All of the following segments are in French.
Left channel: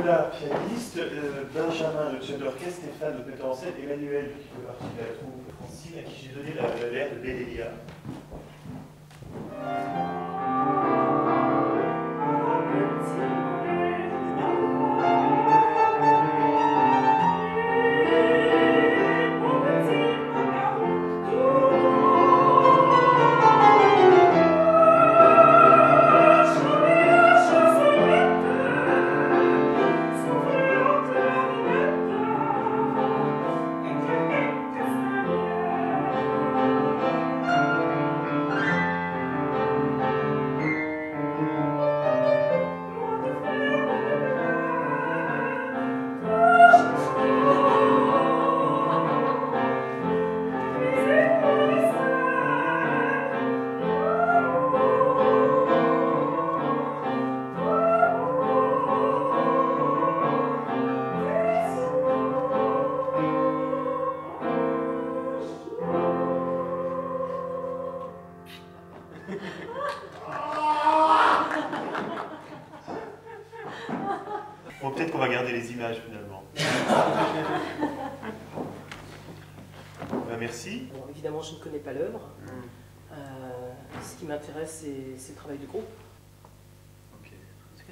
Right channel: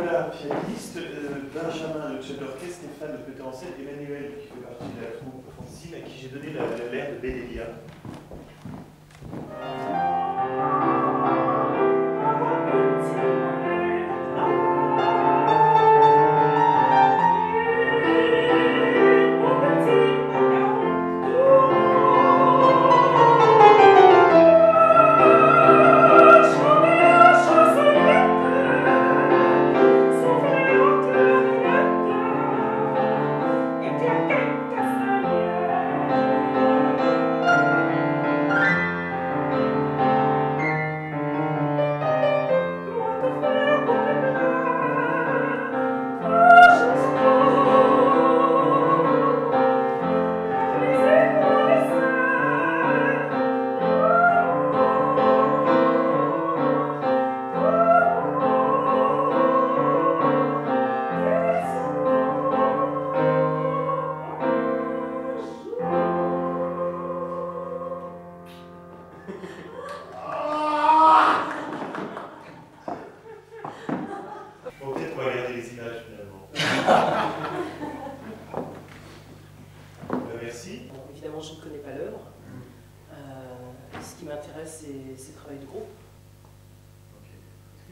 Nicolas, pianiste, Benjamin, le chef d'orchestre, Stéphane, le metteur en scène, Emmanuel, qui fait partie de la troupe, Francine, à qui j'ai donné l'air de Bédélia. Bon, peut-être qu'on va garder les images finalement. Bah, merci. Bon, évidemment, je ne connais pas l'œuvre. Ce qui m'intéresse, c'est le travail de groupe. Okay.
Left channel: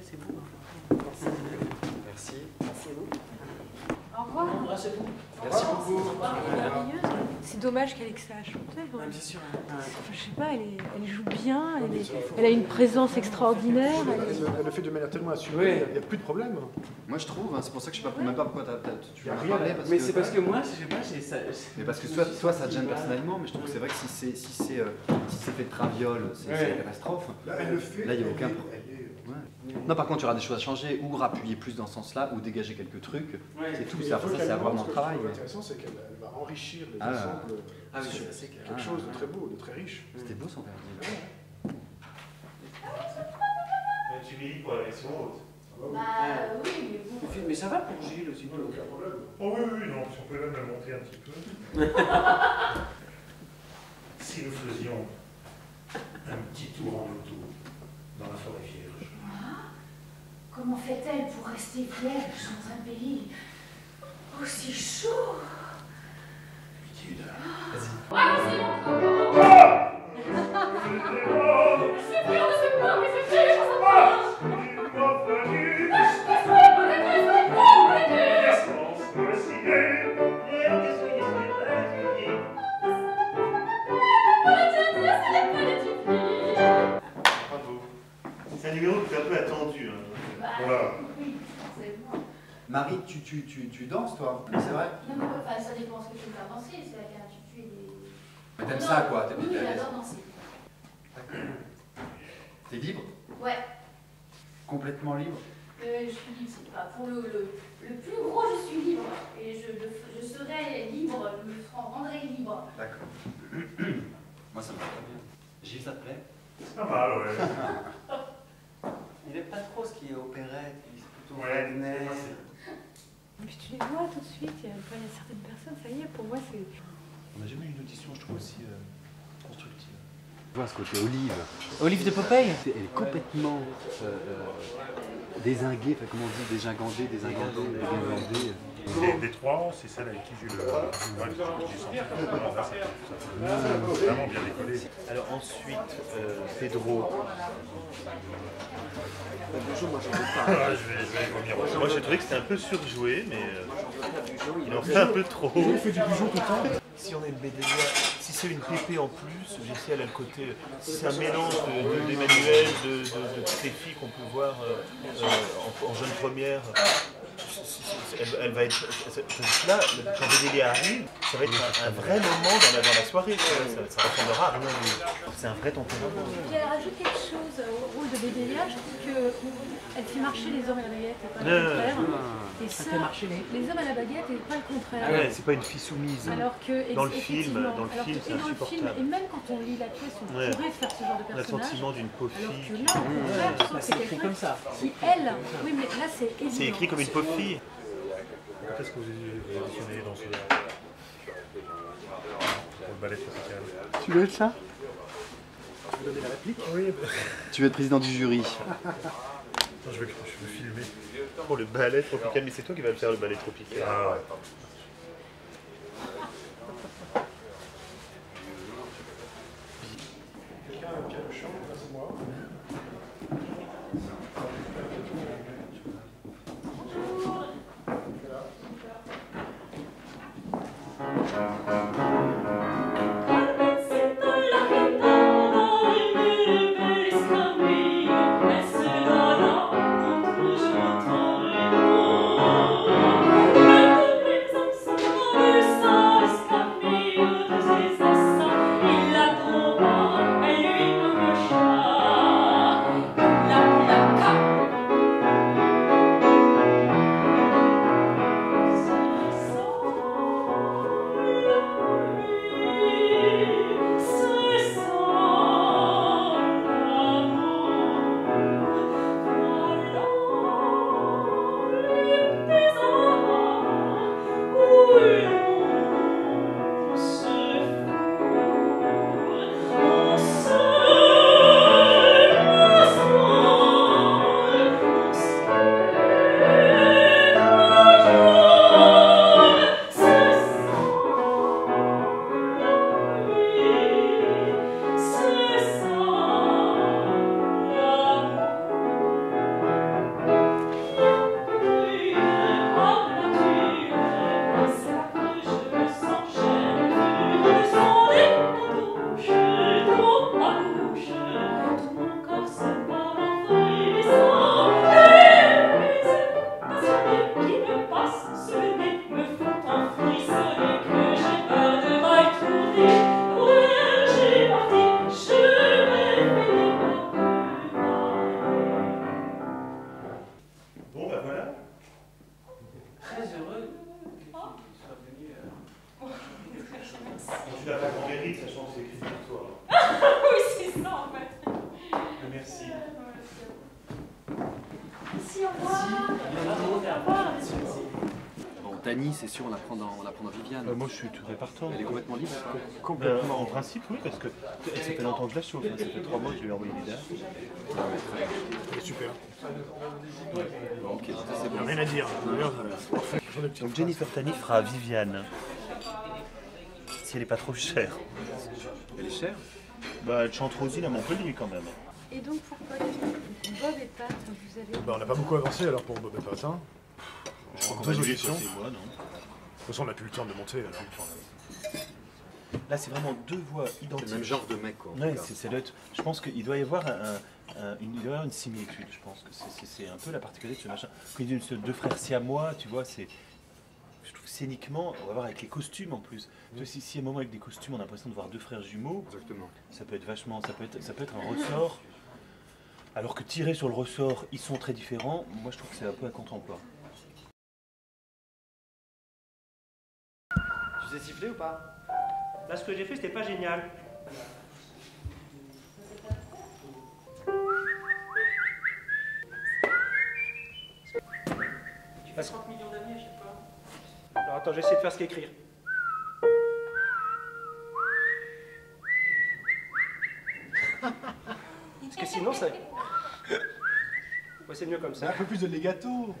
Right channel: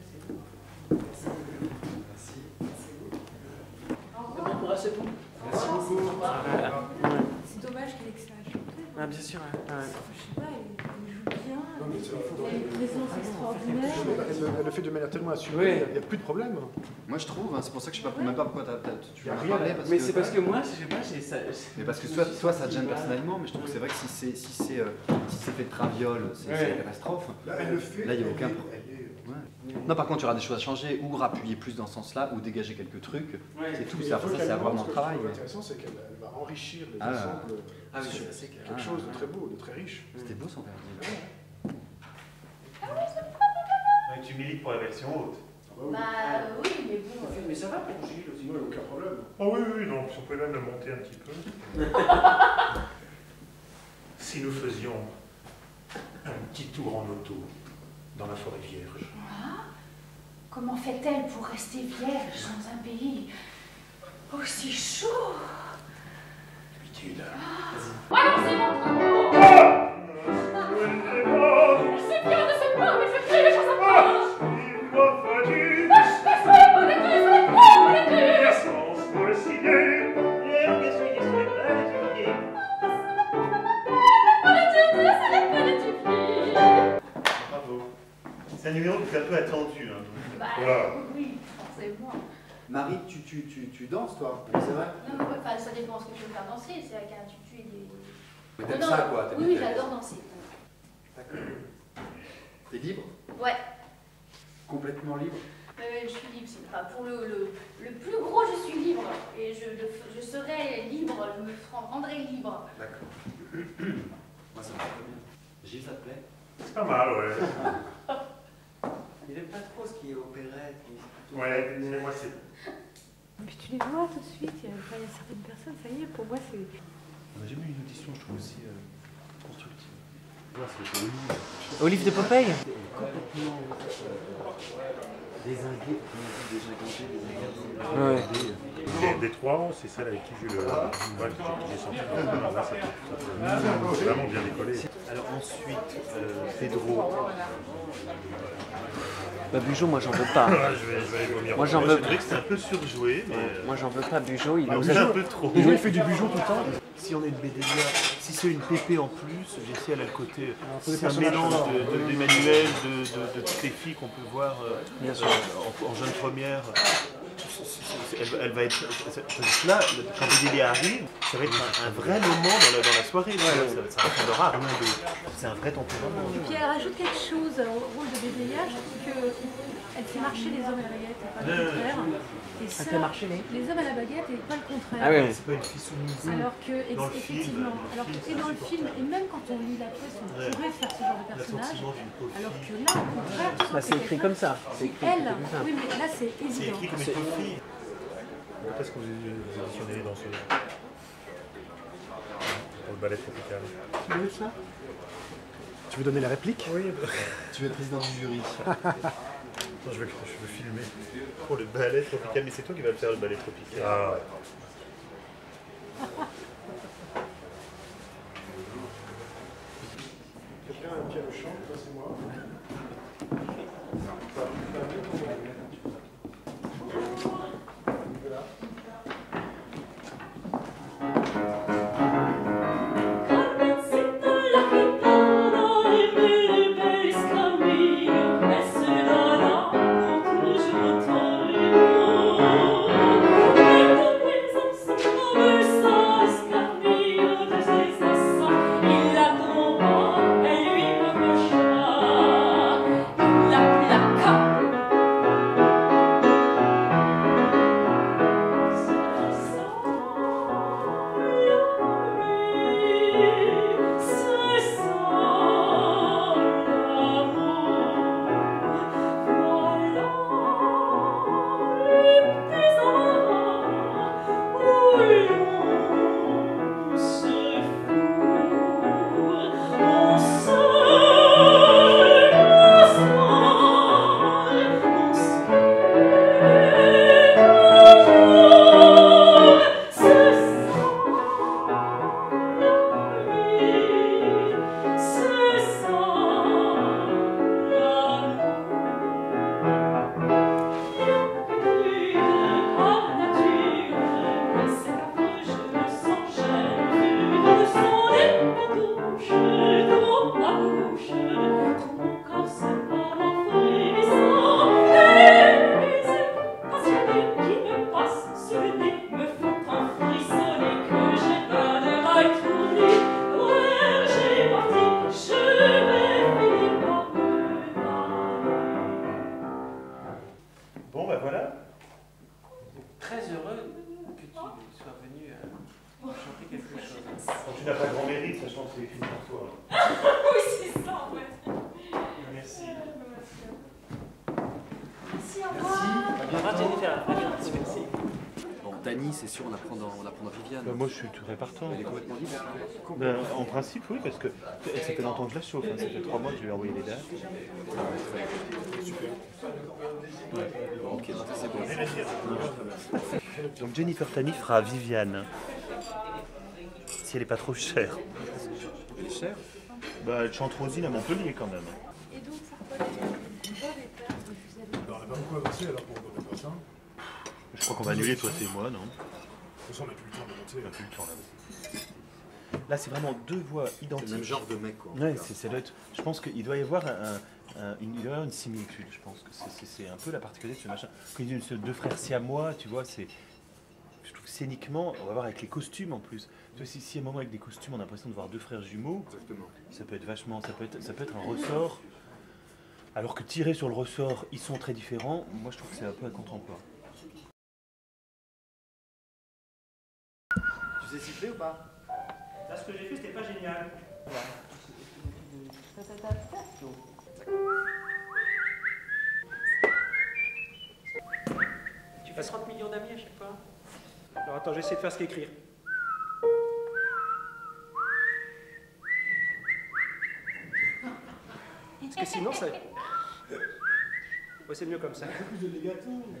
C'est beau. Merci. Merci. Merci à vous. Au revoir. Bon courage à vous. Merci. Au revoir. C'est dommage qu'Alex la chante. Ah, bien sûr. Je sais pas, elle joue bien, elle a une présence extraordinaire. Elle le fait de manière tellement assumée, il n'y a plus de problème. Moi je trouve, hein, c'est pour ça que je ne sais même pas pourquoi tu Y a veux en rien, parler. Mais c'est parce que moi, je sais pas, j'ai ça. Mais parce que toi ça te gêne personnellement, mais je trouve que c'est vrai que si c'est fait de traviole, c'est une catastrophe. Là, elle le fait. Là, il n'y a aucun problème. Ouais. Non, par contre, il y aura des choses à changer, ou appuyer plus dans ce sens-là, ou dégager quelques trucs. C'est tout, ça c'est vraiment le travail. Ce qui est intéressant, c'est qu'elle va enrichir les ensembles. Ah oui, c'est quelque chose de très beau, de très riche. C'était beau son père. Tu milites pour la version haute. Bah oui, mais bon. Mais ça va pour Gilles aussi. Sinon, il n'y a aucun problème. Oh oui, oui, non, on peut même le monter un petit peu. Si nous faisions un petit tour en auto dans la forêt vierge. Comment fait-elle pour rester vierge dans un pays aussi chaud? Utile. Ouais, c'est bon. Je suis fière de ce corps, mais je crie sur sa poche. Bravo. C'est un numéro qui est un peu attendu. Hein. Voilà. Oui, c'est bon. Marie, tu danses toi? C'est vrai? Enfin, ça dépend ce que je veux faire danser, c'est avec un tutu et des... Mais t'aimes ça quoi? T'aimes Oui, bien ta j'adore danser. T'es libre? Ouais. Complètement libre? Je suis libre, c'est pas pour le plus gros, je suis libre. Et je serai libre, je me rendrai libre. D'accord. Moi ça me va très bien. Gilles, ça te plaît? C'est pas mal, ouais. Il aime pas trop ce qui est opérette, c'est plutôt Ouais, Wagner. moi, c'est... Puis tu les vois tout de suite, il y a certaines personnes, ça y est, pour moi c'est... On n'a jamais eu une audition, je trouve, aussi constructive. Je vois ce côté Olive. Olive de Popeye? Elle est complètement dézinguée, comment on dit, désingandée. Des trois, c'est celle avec qui j'ai senti que là, ça peut vraiment bien décoller. Alors ensuite, Pedro. Bah, Bugeaud, moi j'en veux pas. Je vais aller vomir. Moi, j'en Moi, veux j'ai trouvé que c'était un peu surjoué, mais Moi j'en veux pas, Bugeaud, il on en fait un peu trop. Il fait du Bugeaud tout le temps. Si on a une Bédélia, si c'est une pépé en plus, Jessie elle a le côté, si c'est un mélange d'Emmanuel, de toutes les filles qu'on peut voir en jeune première, elle va être, là, quand Bédélia arrive, ça va être un vrai moment dans la soirée, tu vois, ça ressemblera à rien d'autre. C'est un vrai tempérament. Et puis elle rajoute quelque chose au rôle de Bédélia, je trouve qu'elle fait marcher les hommes à la baguette et pas le contraire. Et ça, fait marcher les hommes à la baguette et pas le contraire. Ah ouais. C'est pas une fille soumise. Alors que, Dans le film, effectivement, dans le alors film, que, c'est et dans le film, insupportable. et même quand on lit la pièce, on Ouais. pourrait faire ce genre de On a le personnage. sentiment d'une pauvre Alors que fille. là, au contraire, tu sens Bah, que c'est écrit quelqu'un comme ça. qui, elle, oui, mais là c'est évident. C'est écrit comme une pauvre fille. Quand est-ce que vous auditionnez les danseuses pour le ballet tropical? Tu veux ça? Tu veux donner la réplique? Oui. Tu veux être président du jury. Attends, je veux filmer. Pour le ballet tropical, mais c'est toi qui vas le faire le ballet tropical. Ah. Quelqu'un a un piano chant, c'est moi. Bon, ben voilà. Très heureux que tu sois venu chanter quelque chose. Quand tu n'as pas grand mérite, sachant que c'est écrit pour toi. Oui, c'est ça en fait. Merci. Merci, au revoir. Bon, Dany, c'est sûr, on la prend dans Viviane. Moi, je suis très partant. Elle est complètement libre. En principe, oui, parce que ça fait longtemps que je la chauffe. Hein. Ça fait 3 mois que je lui ai envoyé les dates. Super. Bon, ok, donc ça, c'est bon. Rien à dire. Donc Jennifer Tani fera Viviane. Si elle n'est pas trop chère. Elle est chère. Bah, elle chante Rosine à Montpellier quand même. Et donc pourquoi Bob et Pat, vous avez... Bah, on n'a pas beaucoup avancé alors pour Bob et Pat. Hein. Je crois qu'on va annuler, toi et moi, non? De toute façon, on n'a plus le temps de monter. On n'a plus le temps là. Là, c'est vraiment deux voix C'est identiques. le même genre de mec, quoi. en Ouais, tout cas. ça doit être, je pense qu'il doit y avoir il doit y avoir une similitude. Je pense que c'est un peu la particularité de ce machin. Quand il dit deux frères siamois, tu vois, c'est. Je trouve que scéniquement, on va voir avec les costumes en plus. Tu vois, si à un moment avec des costumes, on a l'impression de voir deux frères jumeaux, Exactement. ça peut être vachement, ça peut être un ressort. Alors que tiré sur le ressort, ils sont très différents. Moi, je trouve que c'est un peu un contre-emploi. Tu sais siffler ou pas? Là, ce que j'ai fait, c'était pas génial. Voilà. Parce... Alors attends, j'essaie de faire ce qu'écrire. Parce que sinon, c'est... Ouais, c'est mieux comme ça. Un peu plus de legato.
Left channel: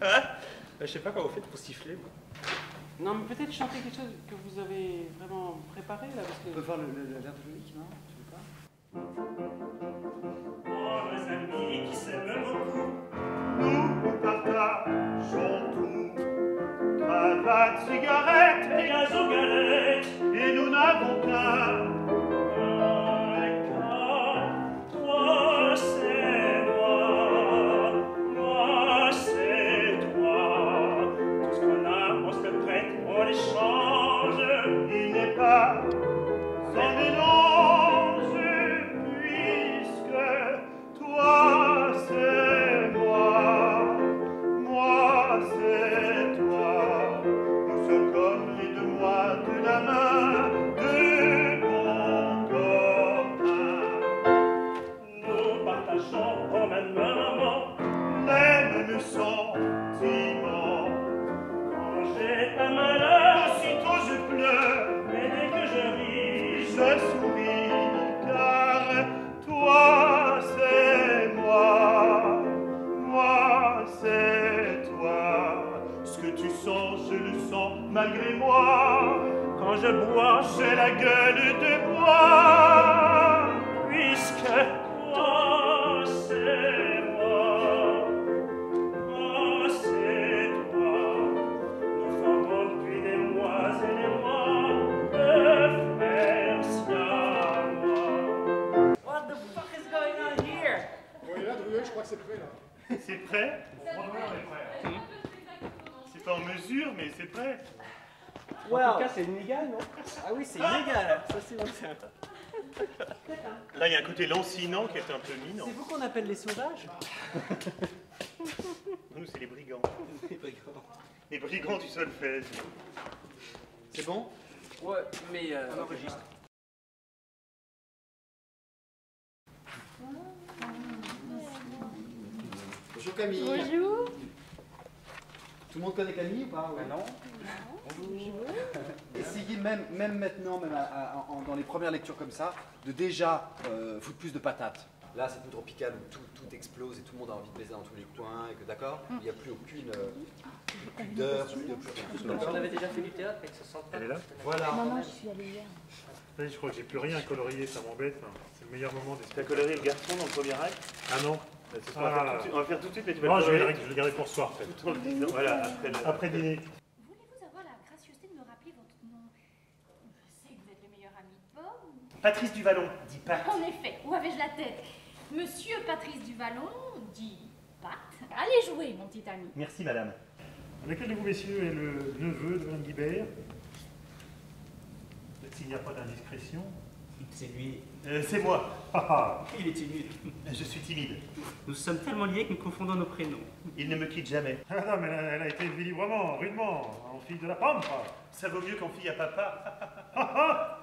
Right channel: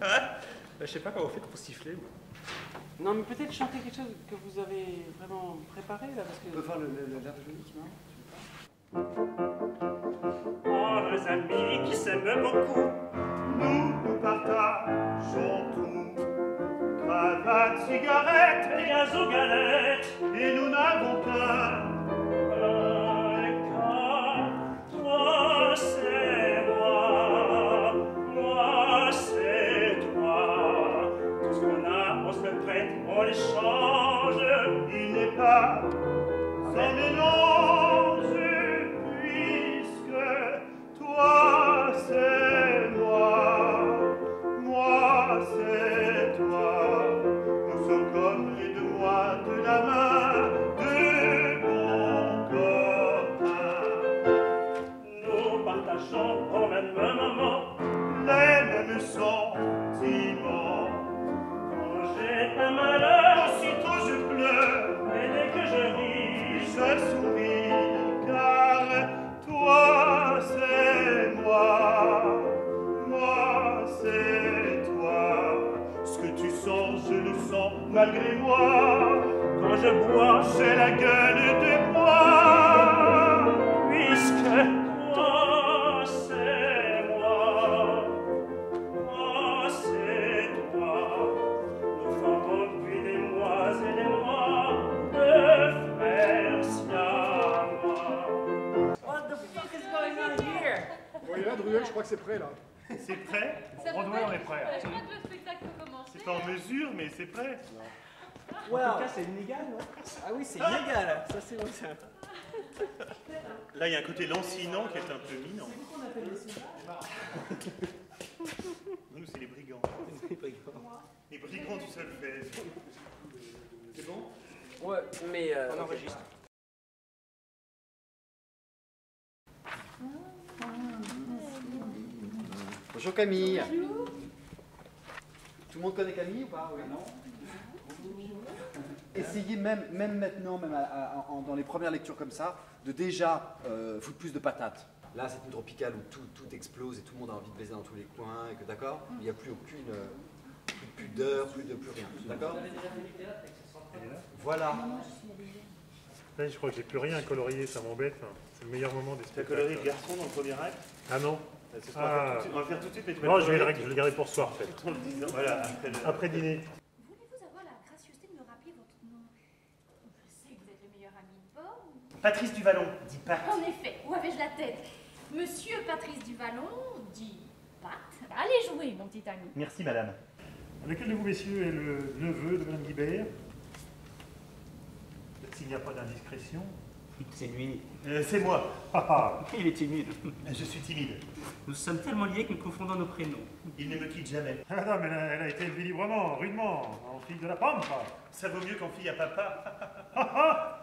Je sais pas comment vous faites pour siffler, moi. Non, mais peut-être chanter quelque chose que vous avez vraiment préparé là, parce que... On peut faire l'air de Loïc, non? Tu veux pas? Oh, les amis qui s'aiment beaucoup. Nous partageons tout. Cravate, cigarette Et gaz aux galettes. et nous n'avons qu'un. Toi, c'est moi. Moi, c'est toi. Tout ce qu'on a, on se le prête, on l'échange. Il n'est pas un mélange, puisque toi c'est moi, moi c'est toi. Nous sommes comme les deux mois de la main, deux bons copains. Nous partageons au même moment. Les mêmes sentiments. Quand j'ai un malheur, Aussitôt je pleure. mais dès que je ris, Je souris car toi c'est moi, moi je le sens malgré moi. Quand je bois, j'ai la gueule de bois. Puisque toi, c'est moi. Moi, c'est toi. Nous formons depuis des mois et des mois de frères siamois. What the fuck is going on here? Oui, là, Druel, je crois que c'est prêt, là. C'est prêt? C'est pas en mesure, mais c'est prêt. En tout cas, c'est illégal, non? Ah oui, c'est illégal. Ça, c'est bon, ça. Là, il y a un côté lancinant qui est un peu minant. C'est vous qu'on appelle les sauvages? Nous, c'est les brigands. Les brigands du solfège. C'est bon? Ouais, mais enregistre. Bonjour Camille. Bonjour. Tout le monde connaît Camille ou pas? Ouais. Non. Essayez même maintenant, même dans les premières lectures comme ça, de déjà foutre plus de patates. Là, c'est une tropicale où tout explose et tout le monde a envie de baiser dans tous les coins, et que d'accord, il n'y a plus aucune pudeur, plus rien. D'accord? Vous avez déjà fait du théâtre avec ce centre? Elle est là? Voilà. Non, non, je suis allée hier. Là, je crois que j'ai plus rien à colorier, ça m'embête. C'est le meilleur moment des Tu as coloré le garçon dans le premier acte? Ah non? Ce soir, on va faire tout de suite, mais tu vas Non, le je vais colorer le garder pour ce soir, peut-être. tout en le disant. Voilà, Après dîner. Voulez-vous avoir la gracieuseté de me rappeler votre nom? Je sais que vous êtes le meilleur ami de Bob. Patrice Duvallon, dit Pat. En effet, où avais-je la tête? Monsieur Patrice Duvallon, dit Pat. Allez jouer, mon petit ami. Merci, madame. Lequel de vous, messieurs, est le neveu de Mme Guibert? S'il n'y a pas d'indiscrétion. C'est lui. C'est moi. Il est timide. Je suis timide. Nous sommes tellement liés que nous confondons nos prénoms. Il ne me quitte jamais. Ah non, mais elle a été élevée librement, rudement, en fille de la pampa. Ça vaut mieux qu'en fille à papa.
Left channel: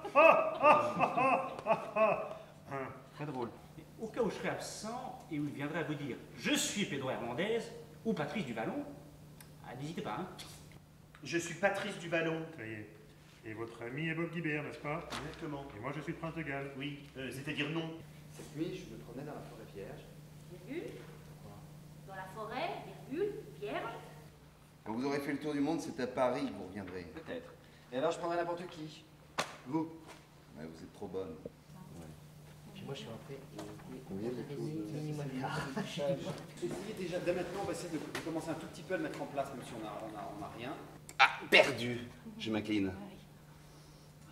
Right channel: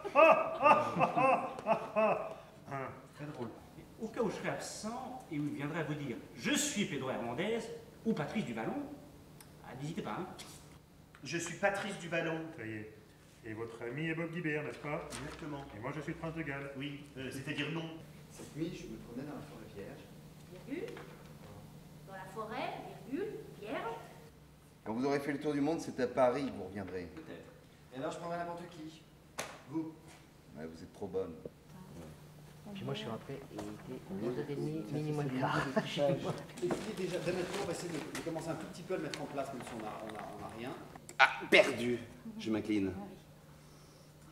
Très drôle. Au cas où je serais absent et où il viendrait à vous dire « Je suis Pedro Hernandez » ou Patrice Duvallon, n'hésitez pas, hein. Je suis Patrice Duvallon. Ça y est. Et votre ami est Bob Guibert, n'est-ce pas? Exactement. Et moi, je suis le Prince de Galles. Oui, c'est-à-dire non. Cette nuit, je me promenais dans la forêt vierge. Virgule. Dans la forêt, virgule, vierge. Quand vous aurez fait le tour du monde, c'est à Paris que vous reviendrez. Peut-être. Et alors, je prendrai n'importe qui. Vous. Ouais, vous êtes trop bonne. Puis moi, je suis rentré et il était 11h30, minimum quart. Essayez déjà, dès maintenant, on va essayer de commencer un tout petit peu à le mettre en place, même si on a rien. Ah, perdu. Je m'incline.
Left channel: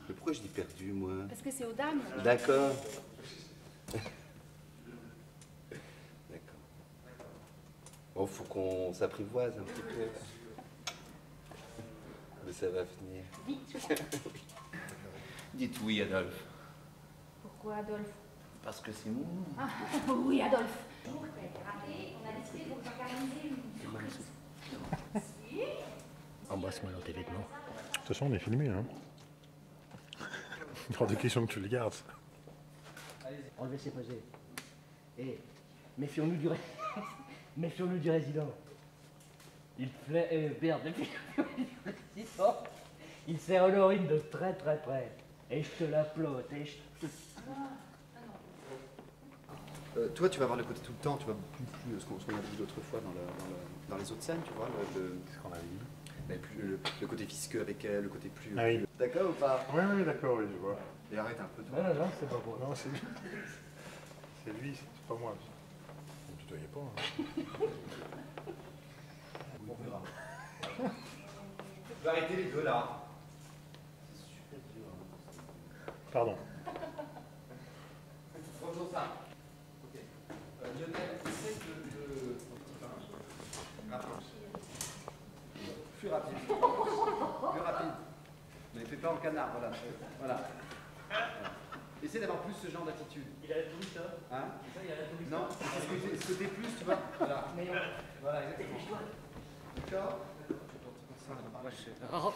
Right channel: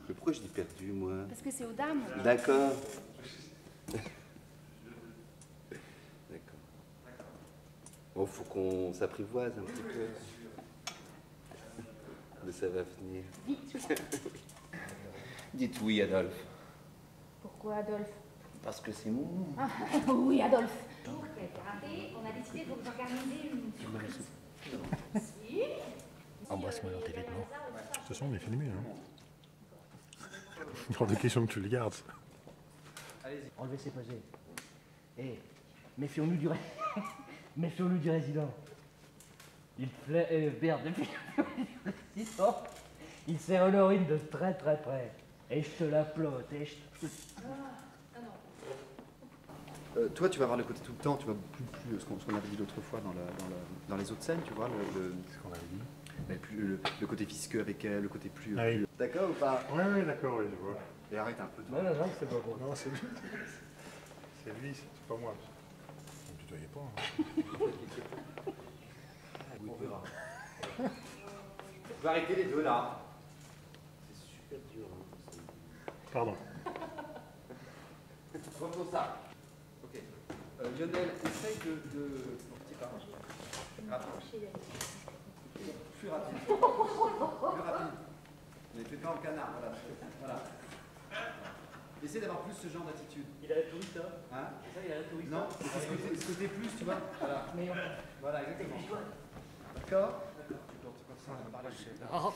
Mais pourquoi je dis perdu, moi? Parce que c'est aux dames. D'accord. D'accord. Bon, faut qu'on s'apprivoise un petit peu. Mais ça va venir. Vite. Dites oui, Adolphe. Pourquoi Adolphe? Parce que c'est mon nom. Ah, oui, Adolphe. On a décidé de vous organiser une... Embrasse-moi dans tes vêtements. De toute façon, on est filmé, hein. Hors de question que tu le gardes. Enlevez ses posés. Et méfions-nous du méfions-nous du résident. Il plaît merde depuis le résident. Il sert Honorine de très très près. Et je te l'applaudis. Et je te... Toi, tu vas avoir le côté tout le temps, tu vas plus ce qu'on avait dit l'autre fois dans les autres scènes, tu vois, Ce qu'on avait dit. le côté visqueux avec elle, le côté plus... Ah oui. D'accord ou pas? Oui, d'accord, oui, je vois. Et arrête un peu, toi. Non, c'est pas bon. Non, c'est lui. C'est lui, c'est pas moi. Vous ne tutoyez pas, hein. On verra. Tu vas arrêter les deux, là. C'est super dur. Hein. Pardon. Refaisons ça. Ok. Lionel, essaye de... Mon petit pain. Rapide. Plus rapide. Plus rapide. Mais fais pas en canard, voilà. Voilà. Essaye d'avoir plus ce genre d'attitude. Il a la touriste, hein? Hein? C'est ça, il a la touriste. Non, c'est ce côté plus, tu vois. Voilà. Voilà, exactement. D'accord? Moi, je sais. Oh.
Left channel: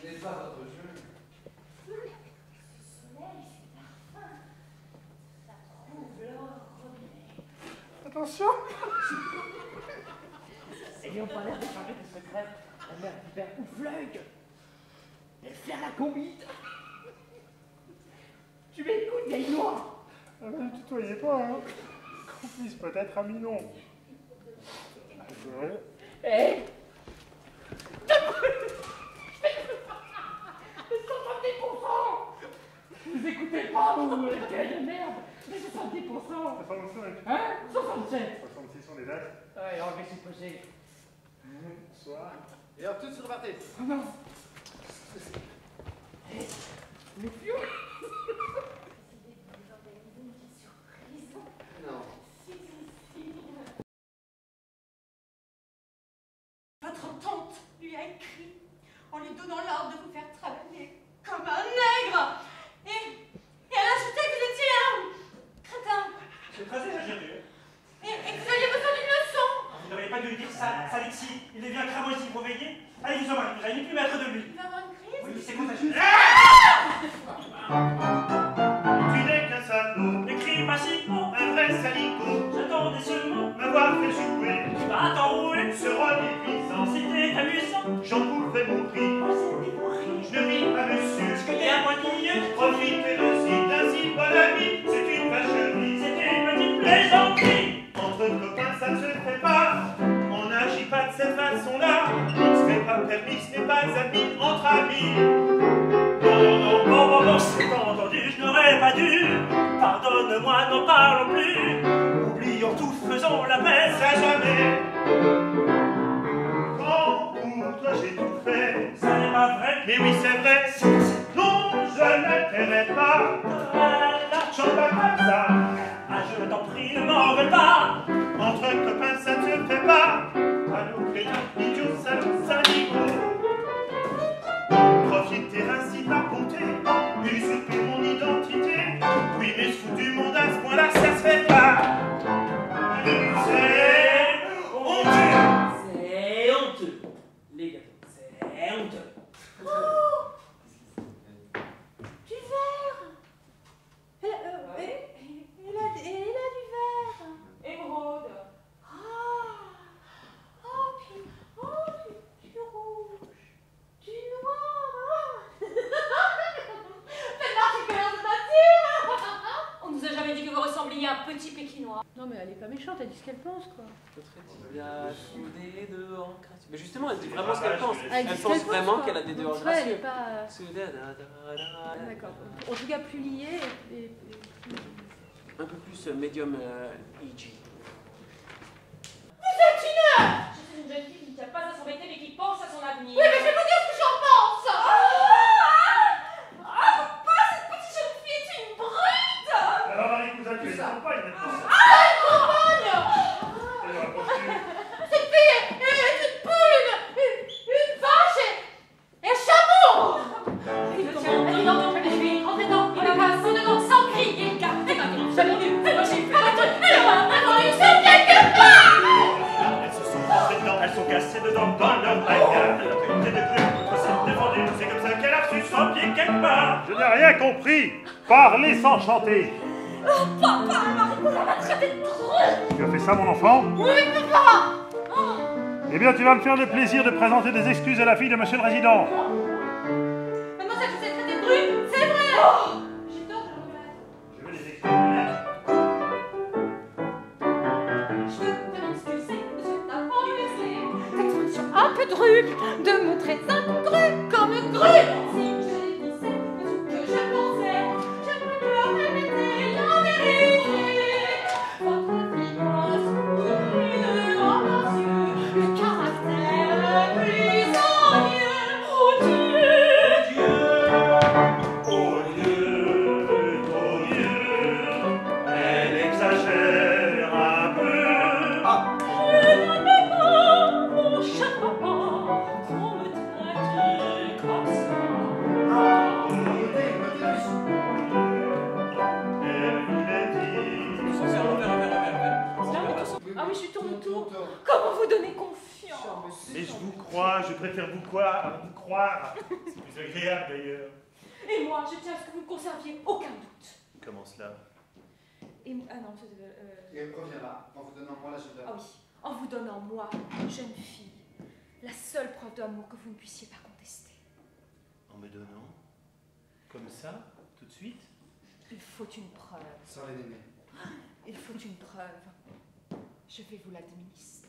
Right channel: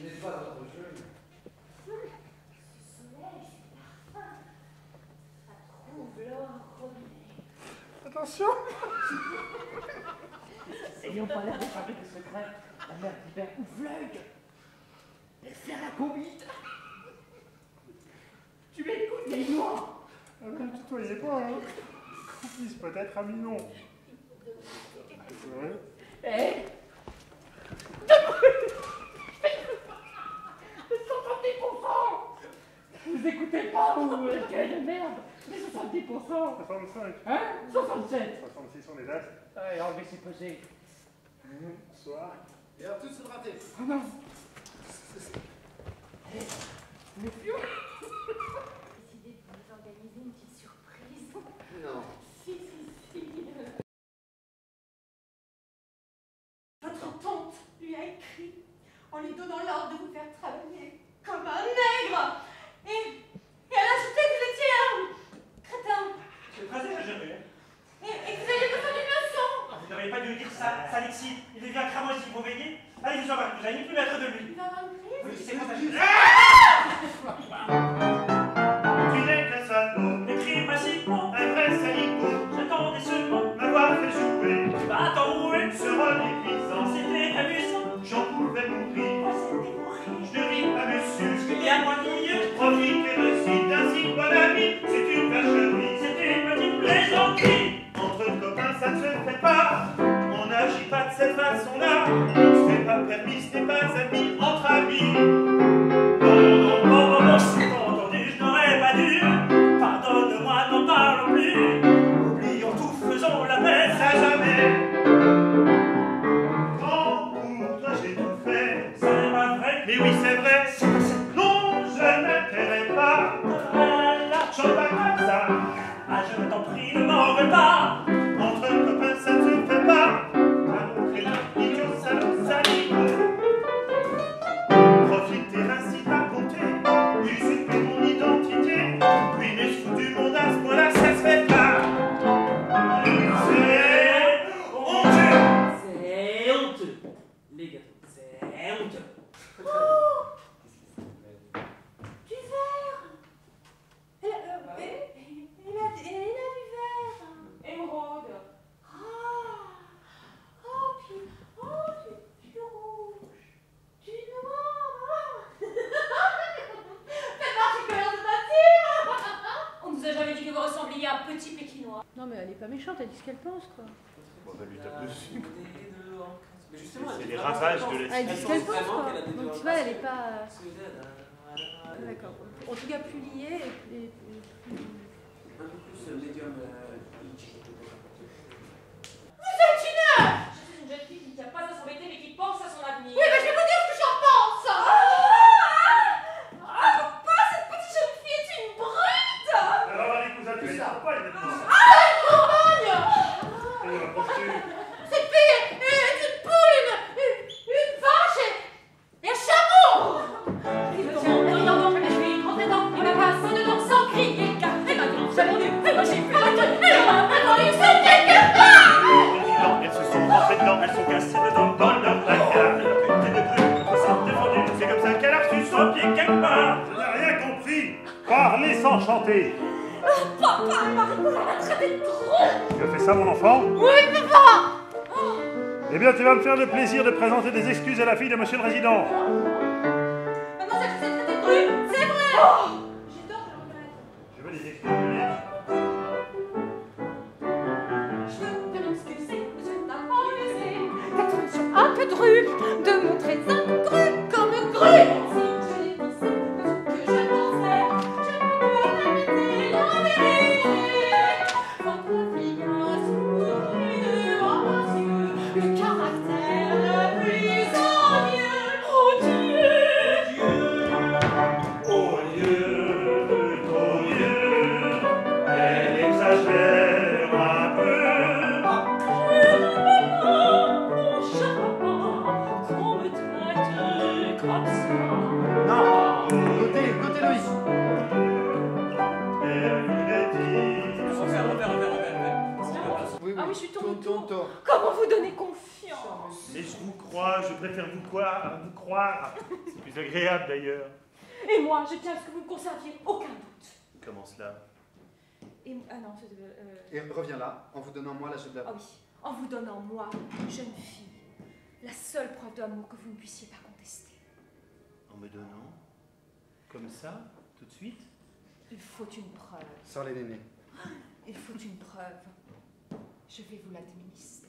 Ce n'est pas votre jeu. Attention! Ayons pas l'air d'échapper tes secrets. La mère qui perd oufleuil. Et faire la combite. Tu m'écoutes, vieille noire? Ah, mais ne tutoyez pas, hein. Qu'on puisse peut-être ami non. Eh, 65. Hein? 67. 66, on est là. Ouais, enlevez ses pesées. Bonsoir. Et hop, tous repartez. Oh non. Mais Fion. Votre tante lui a écrit en lui donnant l'ordre de vous faire travailler comme un nègre. Et elle a ajouté que vous étiez un crétin. C'est très exagéré. Et que vous alliez besoin d'une leçon. Vous n'auriez pas dû lui dire ça, Alexis. Il devient cramoisi, vous veillez. Allez, vous en parlez, vous n'allez ni plus mettre de lui. Il va avoir une crise. Oui, c'est contagieux. Tu n'es qu'un salaud, Écris pas si mot, un vrai saligo, j'attendais seulement. m'avoir fait jouer, Tu vas t'enrouer. ce rôle épuisant, C'était amusant. j'en pouvais mourir. Oh, c'était pour rire. Je ne ris pas, monsieur, Il y a moins digne, profitez aussi d'un si bon ami, c'est une vacherie. c'était une petite plaisanterie. Entre copains, ça ne se fait pas, on n'agit pas de cette façon-là, ce n'est pas permis, ce n'est pas ami entre amis. Non, non, non, Bon, c'est entendu, je n'aurais pas dû. Pardonne-moi, n'en parlons plus. Oublions tout, faisons la paix. ça jamais. Quand pour toi j'ai tout fait, C'est pas vrai. mais oui c'est vrai, non je ne t'aimerai pas, chante pas comme ça. Ah, je t'en prie, ne m'en veux pas. Entre copains ça ne se fait pas, allô crétin, idiot, salaud, saligo. Profiter ainsi de ma bonté, usurper mon identité, oui mais se foutre du monde à ce point-là ça se fait pas. C'est honteux. C'est honteux. Les gâteaux, c'est honteux. Oh, du verre. Elle a du verre. Émeraude. Du rouge, du noir. Faites marcher commerce de nature. On nous a jamais dit que vous ressembliez à un petit pékinois. Non, mais elle est pas méchante, elle dit ce qu'elle pense, quoi. Il y a des deux en classe. Mais justement, elle dit Les vraiment ce qu'elle ravages pense. de Ah, elle dit ce qu'elle pense, vraiment quoi. qu'elle a des deux Donc, en tu vois, classe. elle est pas. Un D'accord. En tout cas, plus liée et plus. peu plus médium EG. Vous êtes une... Je suis une jeune fille qui ne tient pas à s'embêter mais qui pense à son avenir. Oui, mais je vais vous dire ce que j'en pense. Papa, cette petite jeune fille est une brute. Alors allez cousin, tu es une compagne maintenant. Une campagne. Et rapproche-tu. Cette fille est une poule, une vache et un chameau. Tiens, donc, je vais rentrer dedans. Il m'a passé dedans sans crier. Car elle m'a dit, j'ai vendu, elle m'a giflé, elle m'a répondu, c'est quelque part. Elles se sont rentrées dedans, Elles sont cassées dedans dans leur placard. Elle a pris des trucs, on s'est défendu. c'est comme ça qu'elle a reçu son Son pied quelque part. Je n'ai rien compris. Parlez sans chanter. Papa, elle m'a traité de trop. Tu as fait ça, mon enfant? Oui, papa. Eh bien, tu vas me faire le plaisir de présenter des excuses à la fille de monsieur le résident. Mademoiselle, je vous ai traité de brute, c'est vrai. J'ai tort de le reconnaître. Je veux les excuser. Je veux faire excuser, monsieur n'a pas laissé d'expression un peu drue, de montrer incongru comme grue. Si je l'ai dit, c'est ce que je pensais. Je peux la répéter, en vérité. Votre fiancé, de grand yeux, le caractère le plus ennuyeux. Oh Dieu! Oh Dieu, elle exagère un peu. Mon cher papa, qu'on me traite comme ça. Elle voulait dire. Ah oui, je suis tourne autour. Comment vous donner confiance? Mais je vous crois, je préfère vous croire. C'est plus agréable d'ailleurs. Et moi, je tiens à ce que vous ne conserviez aucun doute. Comment cela? Ah non, Et reviens là, en vous donnant moi la chef de la... Ah oui, en vous donnant moi, jeune fille, la seule preuve d'amour que vous ne puissiez pas contester. En me donnant? Comme ça? Tout de suite? Il faut une preuve. Sans les nénés. Il faut une preuve. Je vais vous l'administrer.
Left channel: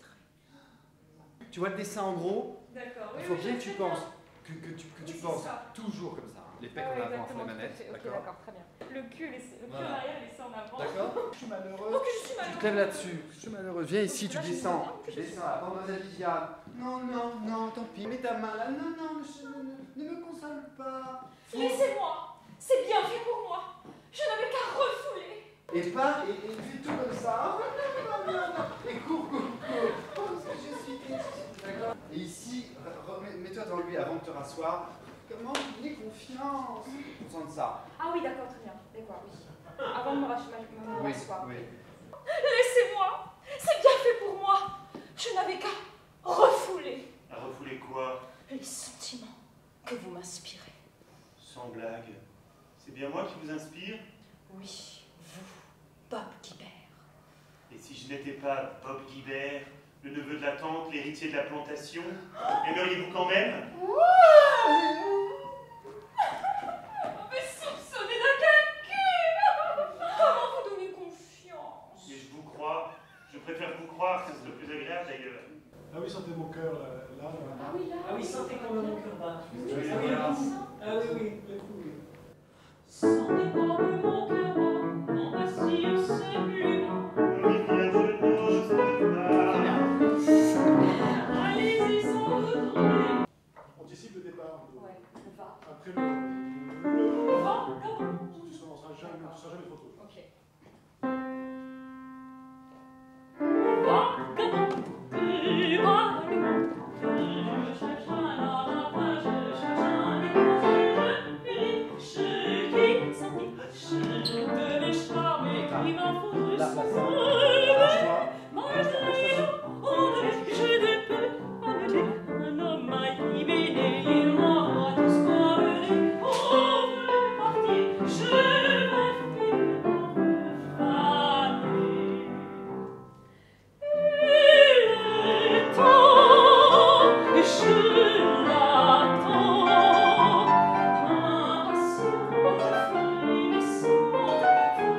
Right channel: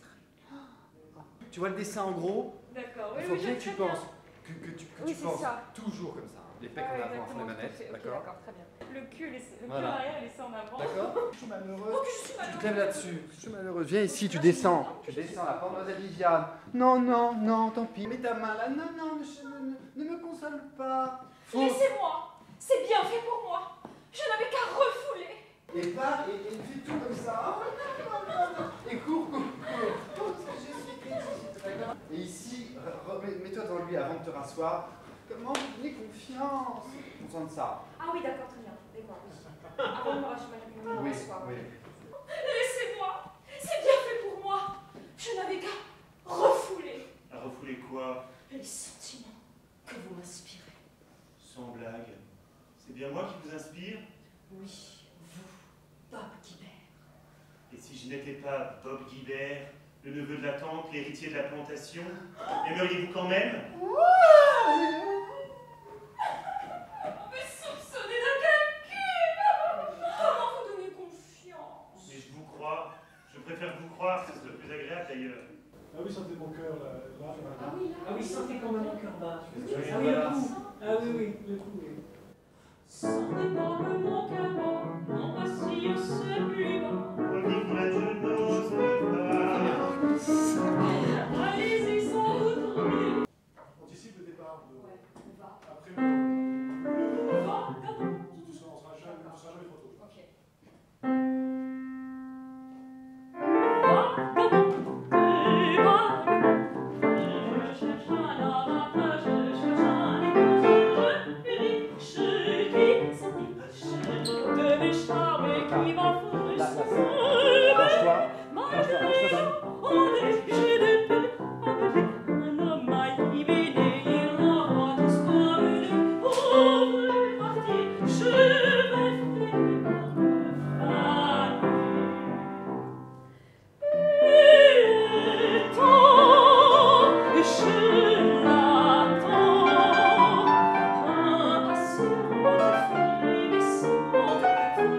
Tu vois le dessin en gros? D'accord. Il faut bien que tu penses. Que tu Oui, c'est penses ça. toujours comme ça. Hein. Les pecs en avant, à fond les manettes. Ok, D'accord? d'accord, très bien. le cul en Voilà. arrière et laisser en avant. D'accord? Je suis malheureuse. Oh, que je suis Tu malheureuse. te lèves là-dessus. Je suis malheureuse. Viens ici, tu descends. Tu descends là, mademoiselle Viviane. Non, non, non, tant pis. Mets ta main là. Non, non, ne me console pas. Laissez-moi. C'est bien fait pour moi. Je n'avais qu'à refouler. Et pars et fais tout comme ça. Et cours. Parce que je suis triste, d'accord? Et ici, mets-toi devant lui avant de te rasseoir. Comment vous donnez confiance? On sent de ça. Ah oui, d'accord, très bien. D'accord, oui. Avant de me rasseoir. Oui. Laissez-moi. C'est bien fait pour moi. Je n'avais qu'à refouler À refouler quoi? les sentiments que vous m'inspirez. Sans blague. C'est bien moi qui vous inspire? Oui, vous, Bob Guibert. Et si je n'étais pas Bob Guibert, le neveu de la tante, l'héritier de la plantation, aimeriez-vous quand même? Me soupçonnez de calcul. Comment vous donnez confiance? Mais je vous crois. Je préfère vous croire, c'est le plus agréable d'ailleurs. Ah oui, sentez mon cœur là. Ah oui, là. Ah oui, sentez quand même mon cœur bat. Ah oui, j'ai trouvé. Sentez-moi que mon cœur bat. Non, pas si c'est plus bas. Olivia, je n'ose pas. Allez-y sans retourner. On anticipe le départ. Ouais, on va. Après On va, comment? tu seras jamais trop tôt. Ok. Vagabond, je cherche un avantage, je cherche un épouse, je qui de mes charmes et qui m'enfourent j'ai des peu à me dire, un homme m'a ibéné, il m'envoie tous promener, pauvre parti, je vais finir par me faner. Il est temps, je l'attends, impatiente,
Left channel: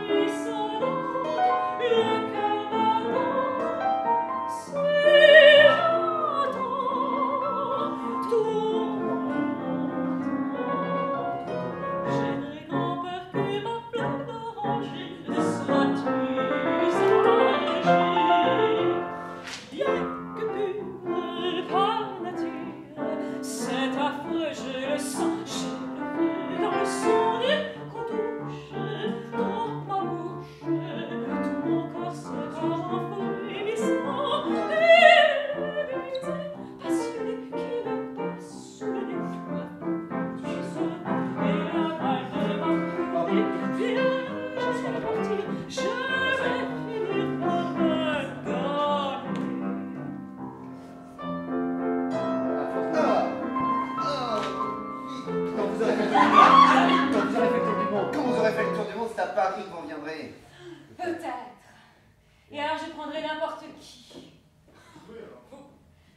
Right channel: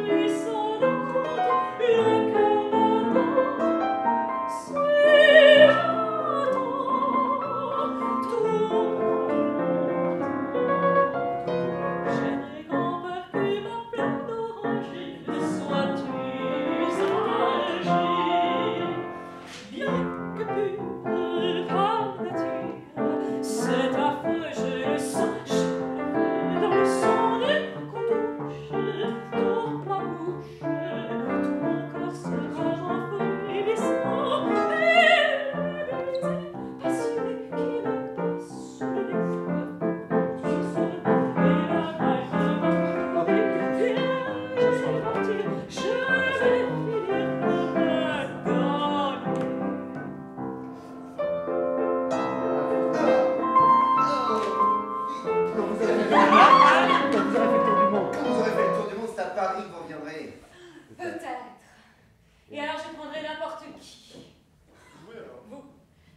frissonnante, le cœur battant, si j'attends tout. J'ai très grand peur que ma flamme d'oranger ne soit usagée. Bien que pure par nature, c'est affreux, je le sens, je le veux dans le sang qu'on touche, dans ma bouche, tout mon corps sera enfourrissant, et le baiser passionné qui me passe sous le nez, tu sais, et la balle de ma vie, viens, je vais partir, je vais finir par me gagner. Quand vous aurez fait le tour du monde. Quand vous aurez fait le tour du monde, c'est à Paris que vous reviendrez. Peut-être. Et alors je prendrai n'importe qui. Vous.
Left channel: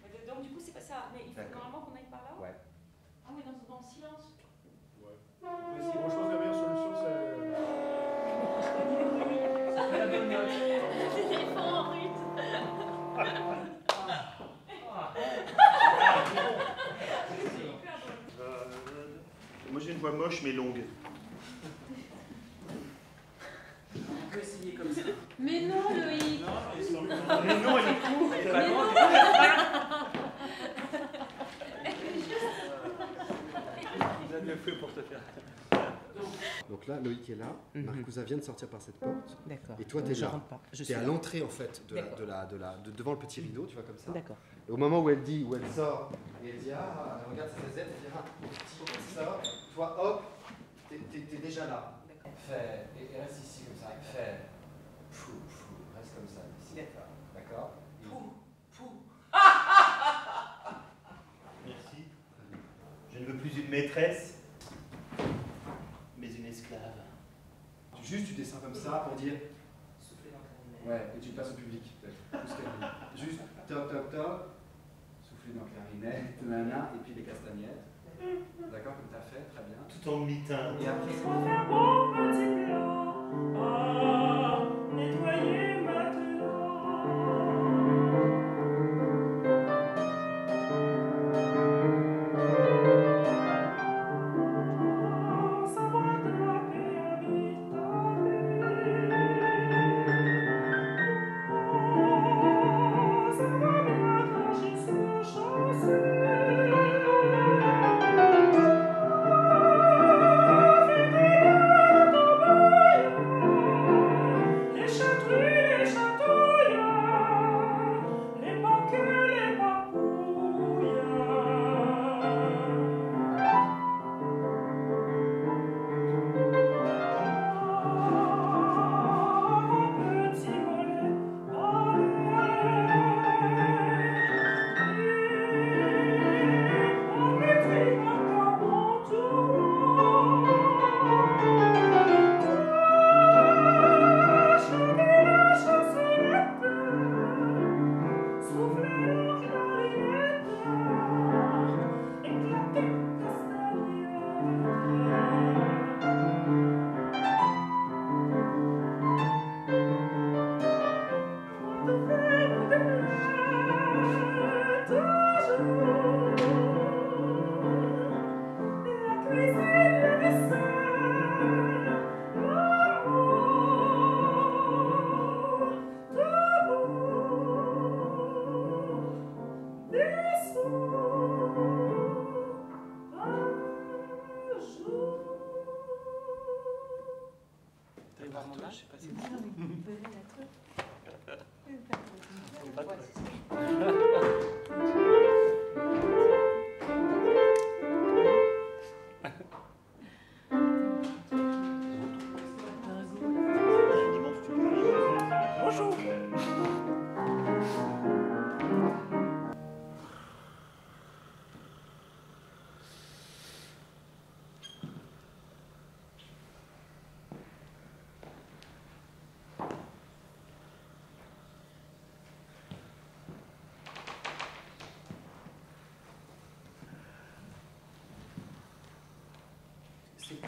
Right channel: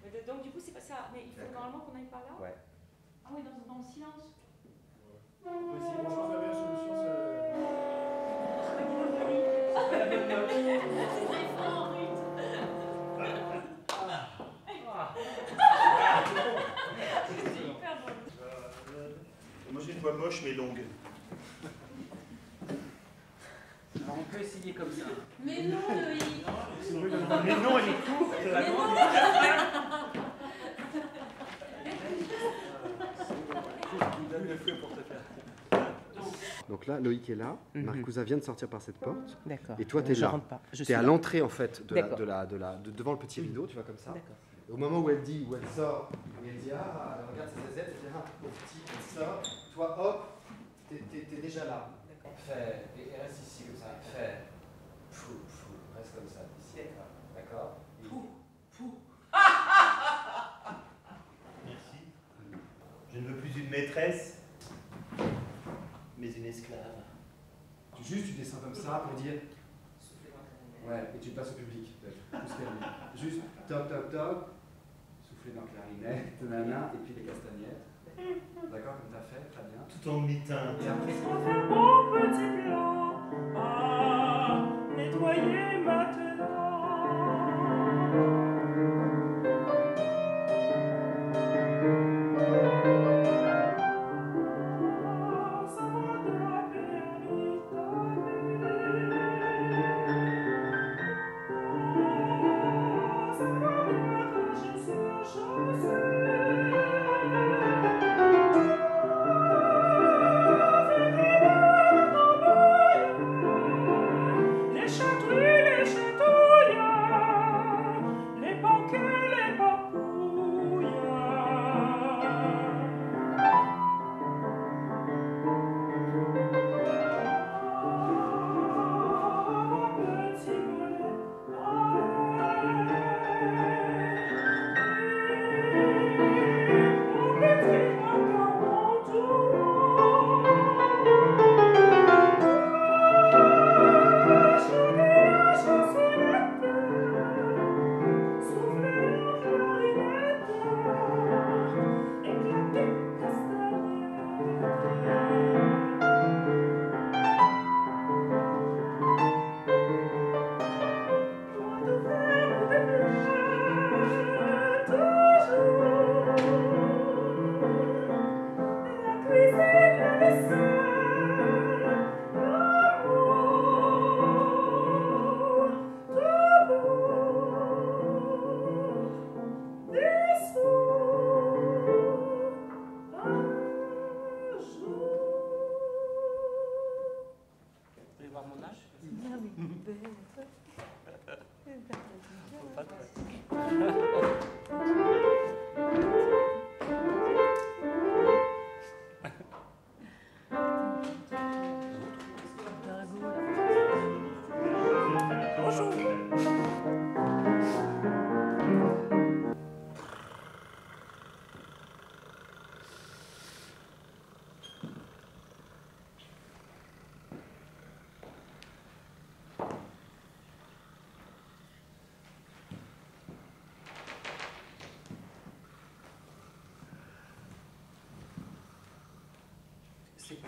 Mais donc du coup c'est pas ça. Mais il faut normalement qu'on aille par là. Ouais. Ah oui, dans le silence. Si franchement, je pense que la meilleure solution, c'est. C'est la bonne note. Il faut en rythme. Moi j'ai une voix moche mais longue. On peut essayer comme ça. Mais non, Loïc. Mais non, elle est courte. Mais non. Donne le feu pour te faire. Donc là, Loïc est là. Marcousa vient de sortir par cette porte. D'accord. Et toi, t'es Je là. rentre pas. Je T'es suis à là. l'entrée en fait D'accord. devant le petit rideau, tu vois comme ça. D'accord. Et au moment où elle sort, et elle dit ah, elle regarde ses aisettes, elle dit ah, au petit, elle sort. Toi, hop, t'es déjà là. D'accord. Fais, et reste ici comme ça. Fais, reste comme ça. Ici. D'accord. Merci. Je ne veux plus une maîtresse, mais une esclave. Juste, tu descends comme ça pour dire. Ouais, et tu passes au public, peut-être. Juste, toc, toc, toc. Souffler dans la clarinette, nanana, et puis les castagnettes. D'accord, comme t'as fait, très bien. Tout en mi-teinte. Et après, Faut faire mon petit plat à nettoyer maintenant. Sans attraper un vite.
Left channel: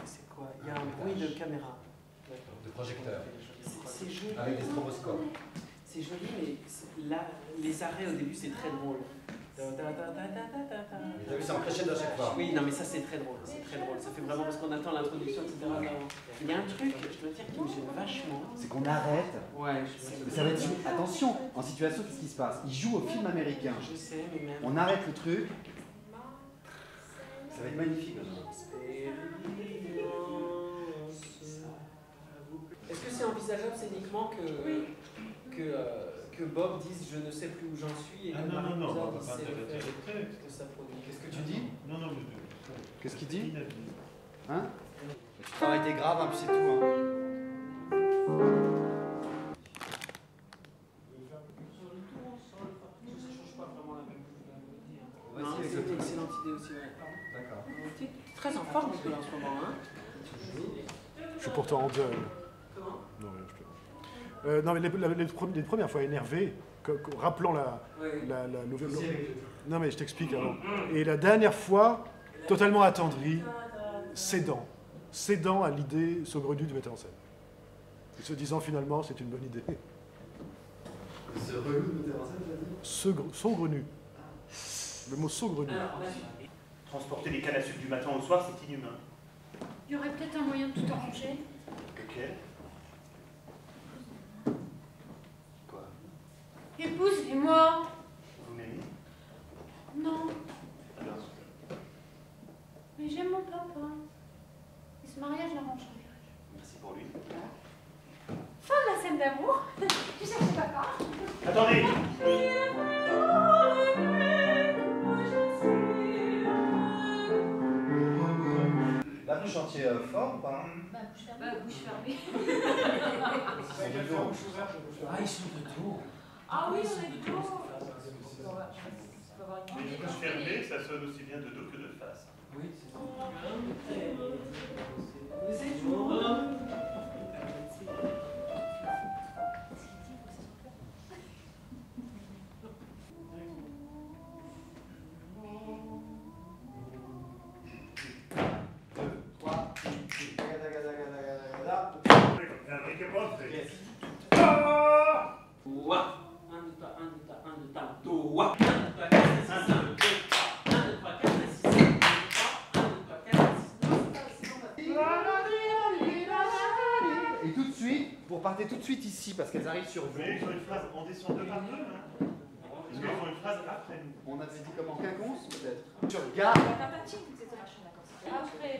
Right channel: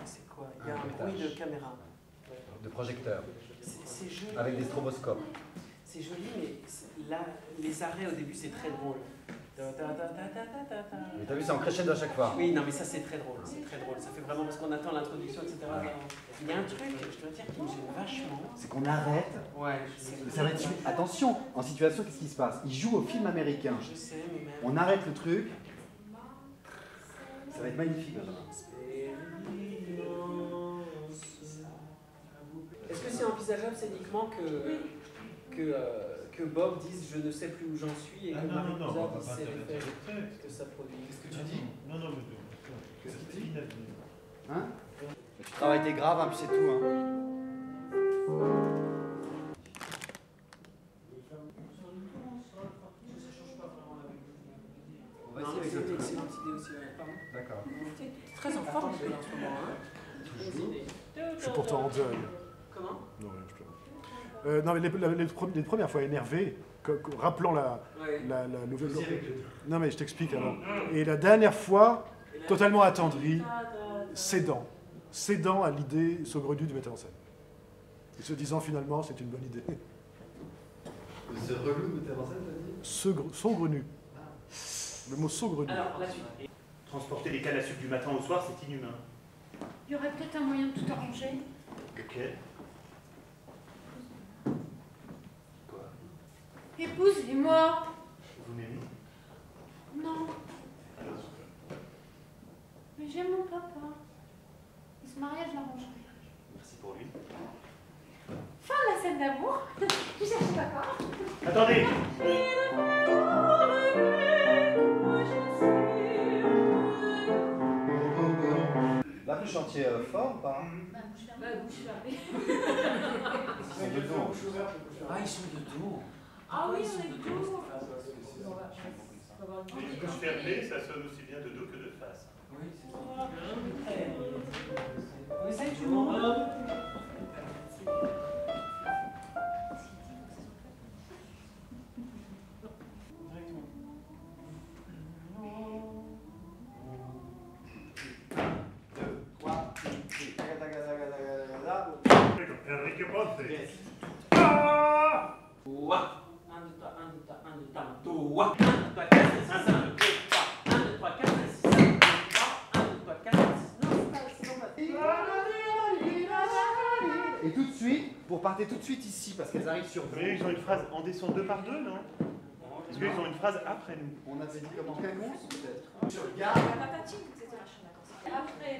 C'est quoi? Il y a un bruit de caméra. De projecteur. C'est joli. Avec des stroboscopes. C'est joli, mais là, les arrêts au début, c'est très drôle. Mais t'as vu, c'est en crescendo à chaque fois. Oui, non, mais ça, c'est très drôle. C'est très drôle. Ça fait vraiment parce qu'on attend l'introduction, etc. Il y a un truc, je dois dire, qui me gêne vachement. C'est qu'on arrête. Ouais, Ça va être... Attention, en situation, qu'est-ce qui se passe? Ils jouent au film américain. Je sais, mais même. On arrête le truc. Ça va être magnifique, Benjamin. Est-ce que c'est envisageable scéniquement que Bob dise je ne sais plus où j'en suis et que Marie non, Cousin on va dise pas c'est interpréter l'effet le texte. que ça produit? Qu'est-ce que tu dis? Non, mais qu'est-ce qu'il dit? Inavenu. Hein? Tu travailles tes graves, hein, puis c'est tout. Hein. C'est une excellente idée aussi. D'accord. Tu es très en forme, Nicolas, en ce moment. Hein? Je suis pourtant en deuil. Comment? Non, rien, je te... non, mais les premières fois énervé, rappelant la nouvelle... Non, mais je t'explique avant. Et la dernière fois, totalement attendri, cédant à l'idée saugrenue du metteur en scène. Et se disant finalement, c'est une bonne idée. Saugrenu. Le mot saugrenu. Transporter des cannes à sucre du matin au soir, c'est inhumain. Il y aurait peut-être un moyen de tout arranger. Ok. Quoi? Épousez-moi. Vous m'aimez? Non, Alors, mais j'aime mon papa. Et ce mariage l'arrangerait. merci pour lui. Fin de la scène d'amour. Tu cherches papa. Attendez! Là, vous chantiez fort ou pas? Bouche fermée. Ils sont de dos. Ah, ils sont de dos. Ah oui, on est de dos. Les bouches fermées, ça sonne aussi bien de dos que de face. Oui, c'est ça. Vous êtes où? Enrique Ponce. Ouah. 1, 2, 3, 1, 2, 3, 1, 2, 3, ouah. 1, 2, 3, 4, 5, 6, 7, 1, 2, 3, 4, 5, 6, 7, 1, 2, 3, 4, 5, 6, 7. Et tout de suite, vous repartez tout de suite ici parce qu'elles arrivent sur vous. Mais ils ont une phrase en descend 2 par 2, non? Est-ce qu'ils ont une phrase après nous? On avait dit comment quinconce peut-être. Sur le gars. Après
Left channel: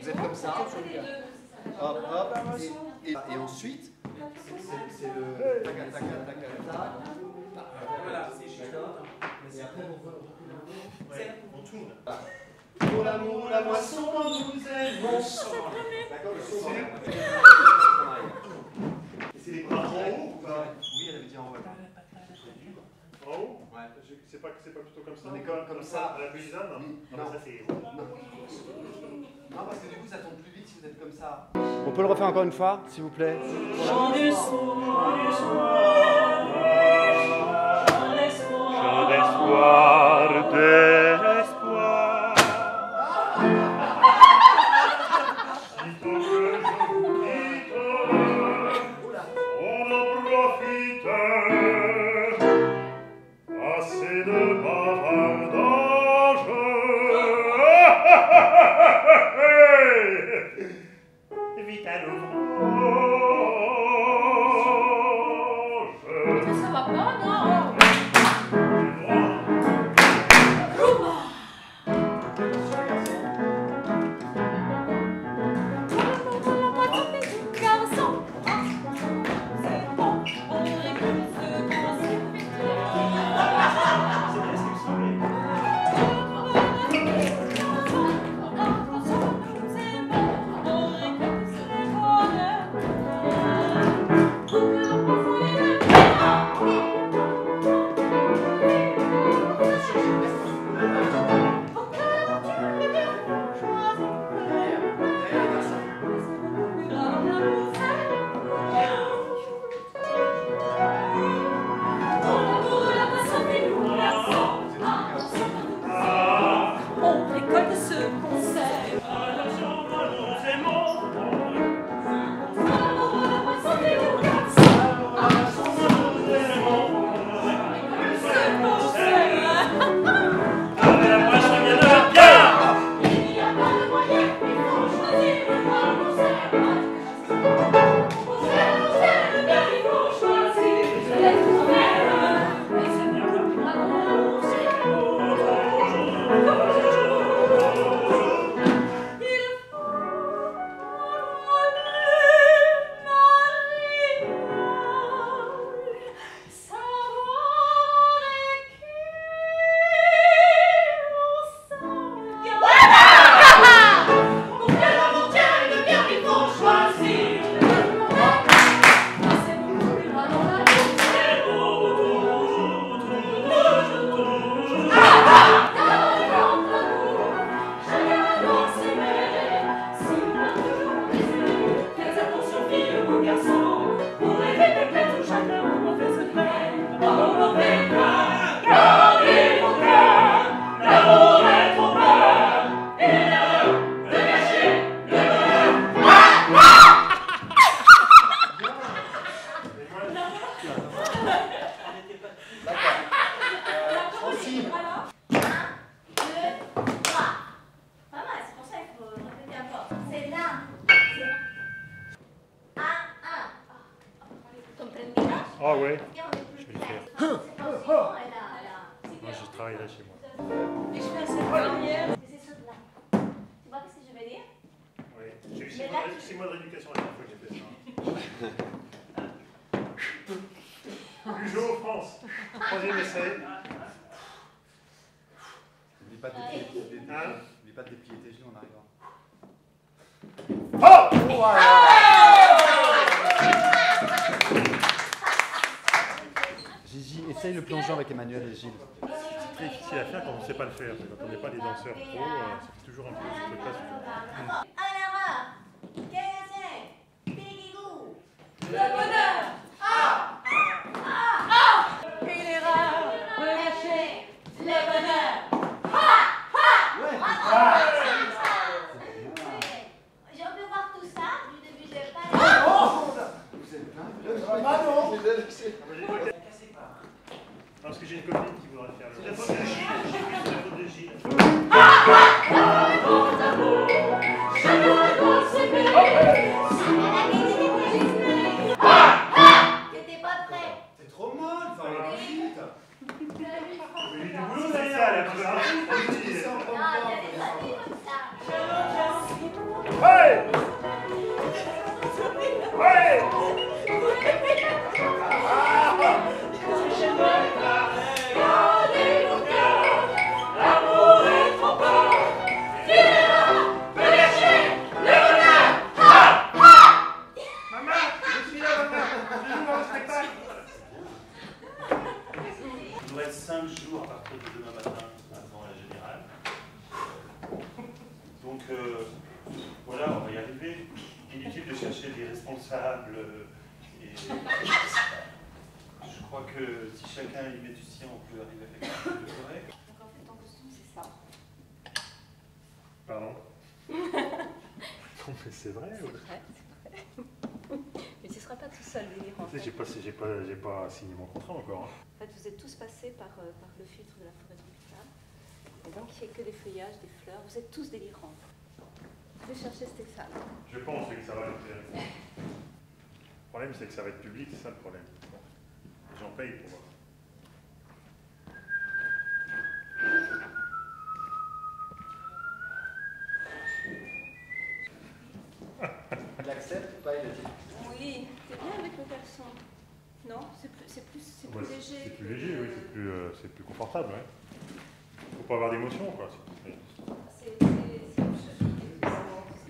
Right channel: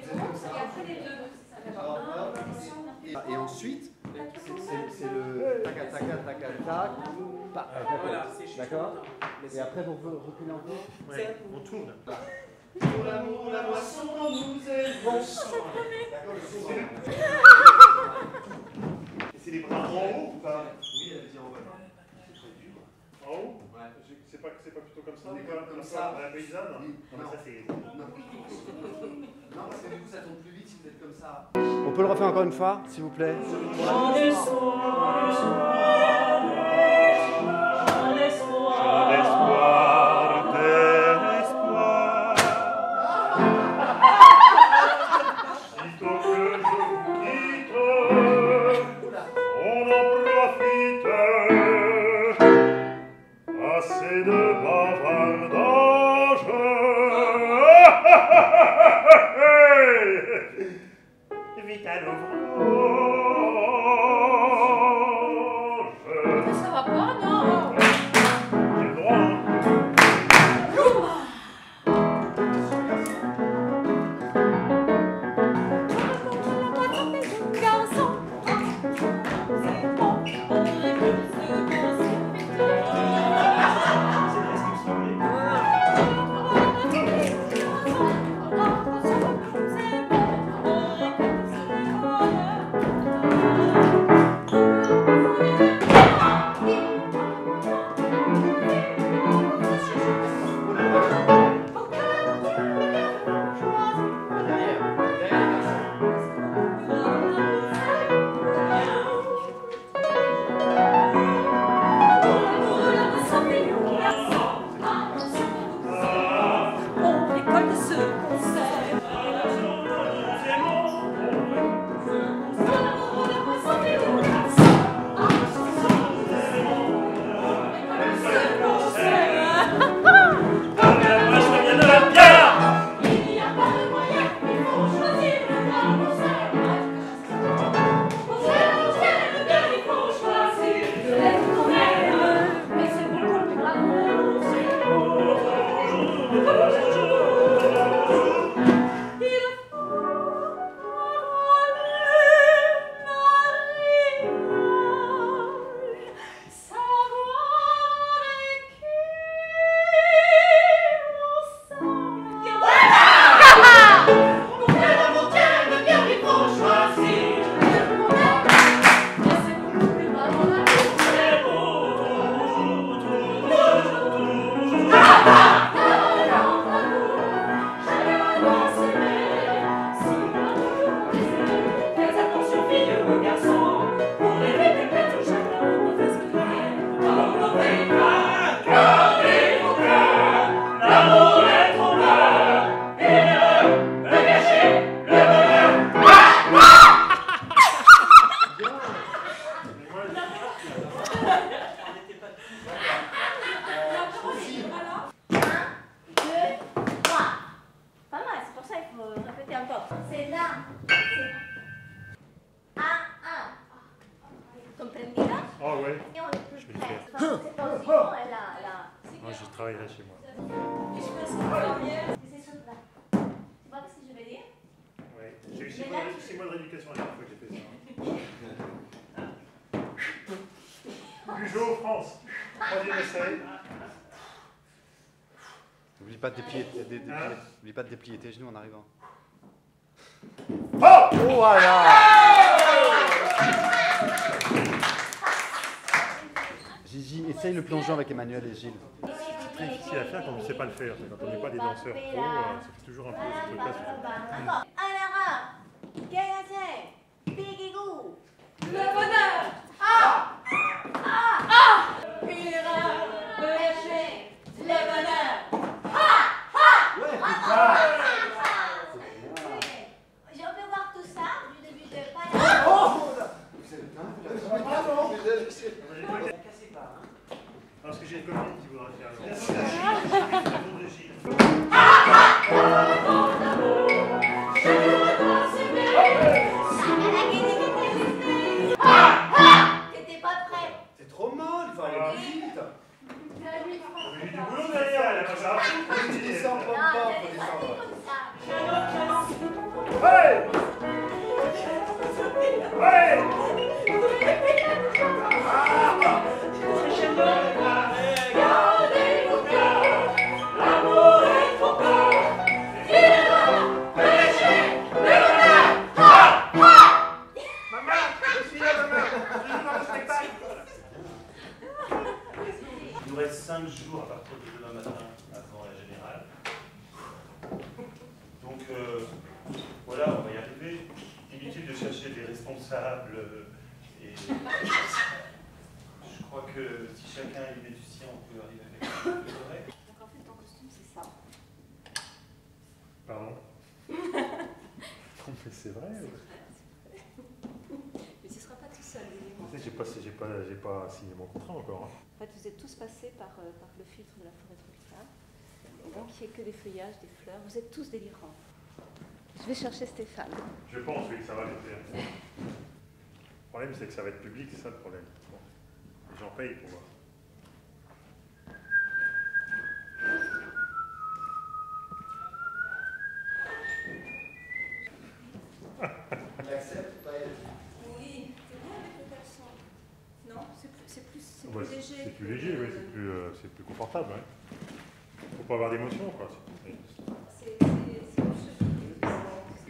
l'autre, et après les deux. Et ensuite, c'est le tac tac tac tac tac. D'accord. Et après vous reculez encore. Ouais, on tourne. Pour l'amour, la moisson, nous aimons. C'est les bras en haut ou pas? Oui, elle avait dit en haut. En haut? Ouais. C'est pas plutôt comme ça? On est comme ça. À la paysanne? Non, mais ça c'est... Non, parce que du coup, ça tombe plus vite si vous êtes comme ça. On peut le refaire encore une fois, s'il vous plaît? Chant d'espoir, chant d'espoir, d'espoir. Sitôt que je vous quitte, on en profite. Assez de bavardage. Vite à l'ouvrage. Mais ça va pas, non? J'ai le droit, hein. Et je fais cette dernière. C'est ce plat. Tu vois ce que je veux dire? Oui, j'ai eu 6 mois de rééducation la dernière fois que j'ai fait ça. Peugeot, France. 3e essai. N'oublie pas de déplier tes genoux en arrivant. Oh! Gigi, essaye le plongeon avec Emmanuel et Gilles. C'est très difficile à faire quand on ne sait pas le faire. Quand on n'est pas des danseurs pro, ça fait toujours un peu ce truc-là. Le bonheur! Ah! Ah! Ah! Une erreur! Me lâcher! Le bonheur! Ah! Ah! Ouais, Je peux voir tout ça du début de pas. vous êtes plein, Parce que j'ai une copine qui voudra faire le de Gilles. T'étais pas prêt. c'est trop molle, il faut aller plus vite. Mais j'ai du boulot derrière, elle a pas ça. Tu descends, prends pas, faut descendre. Hey! Hey! Il nous reste 5 jours à partir de demain matin avant la générale. Donc voilà, on va y arriver. Inutile de chercher des responsables. Et je crois que si chacun y met du sien, on peut arriver avec quelque chose de correct. Donc en fait, ton costume, c'est ça. Pardon? Non, mais c'est vrai. C'est vrai. Mais tu ne seras pas tout seul, Délire. En fait. J'ai pas signé mon contrat encore. Hein. En fait, vous êtes tous passés par le filtre de la forêt tropicale. Et donc, il n'y a que des feuillages, des fleurs. Vous êtes tous délirants. Je vais chercher Stéphane. Je pense oui, que ça va le faire. Le problème, c'est que ça va être public, c'est ça le problème. Bon. Les gens payent pour voir. Il accepte ou pas? Oui, c'est bien avec le caleçon. Non, c'est plus léger. C'est plus léger, oui, c'est plus confortable. Ouais. Faut pas avoir d'émotion, quoi. Oui. C'est une cheville.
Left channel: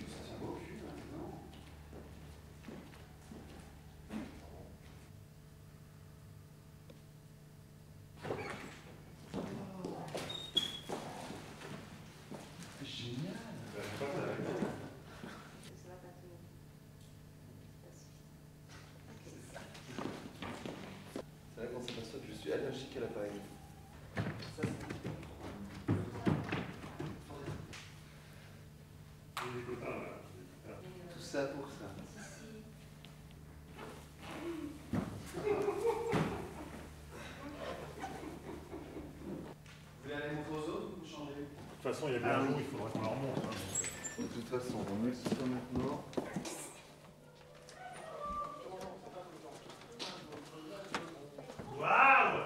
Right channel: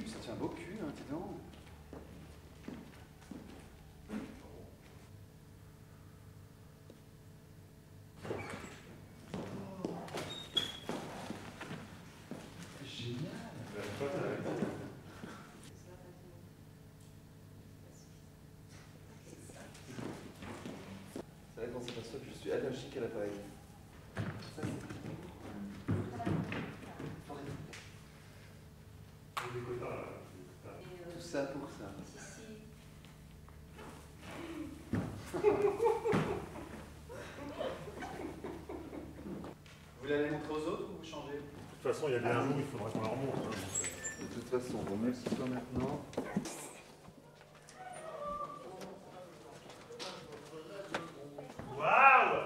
Ça tient beau cul, hein, dis donc. Génial. C'est vrai qu'on s'aperçoit que je suis allergique à l'appareil. Tout ça pour ça. Vous voulez aller montrer aux autres ou vous changez? De toute façon, il y a bien un jour, il faudra qu'on la remonte. Hein, de toute façon, vaut mieux que ce soit maintenant. Waouh!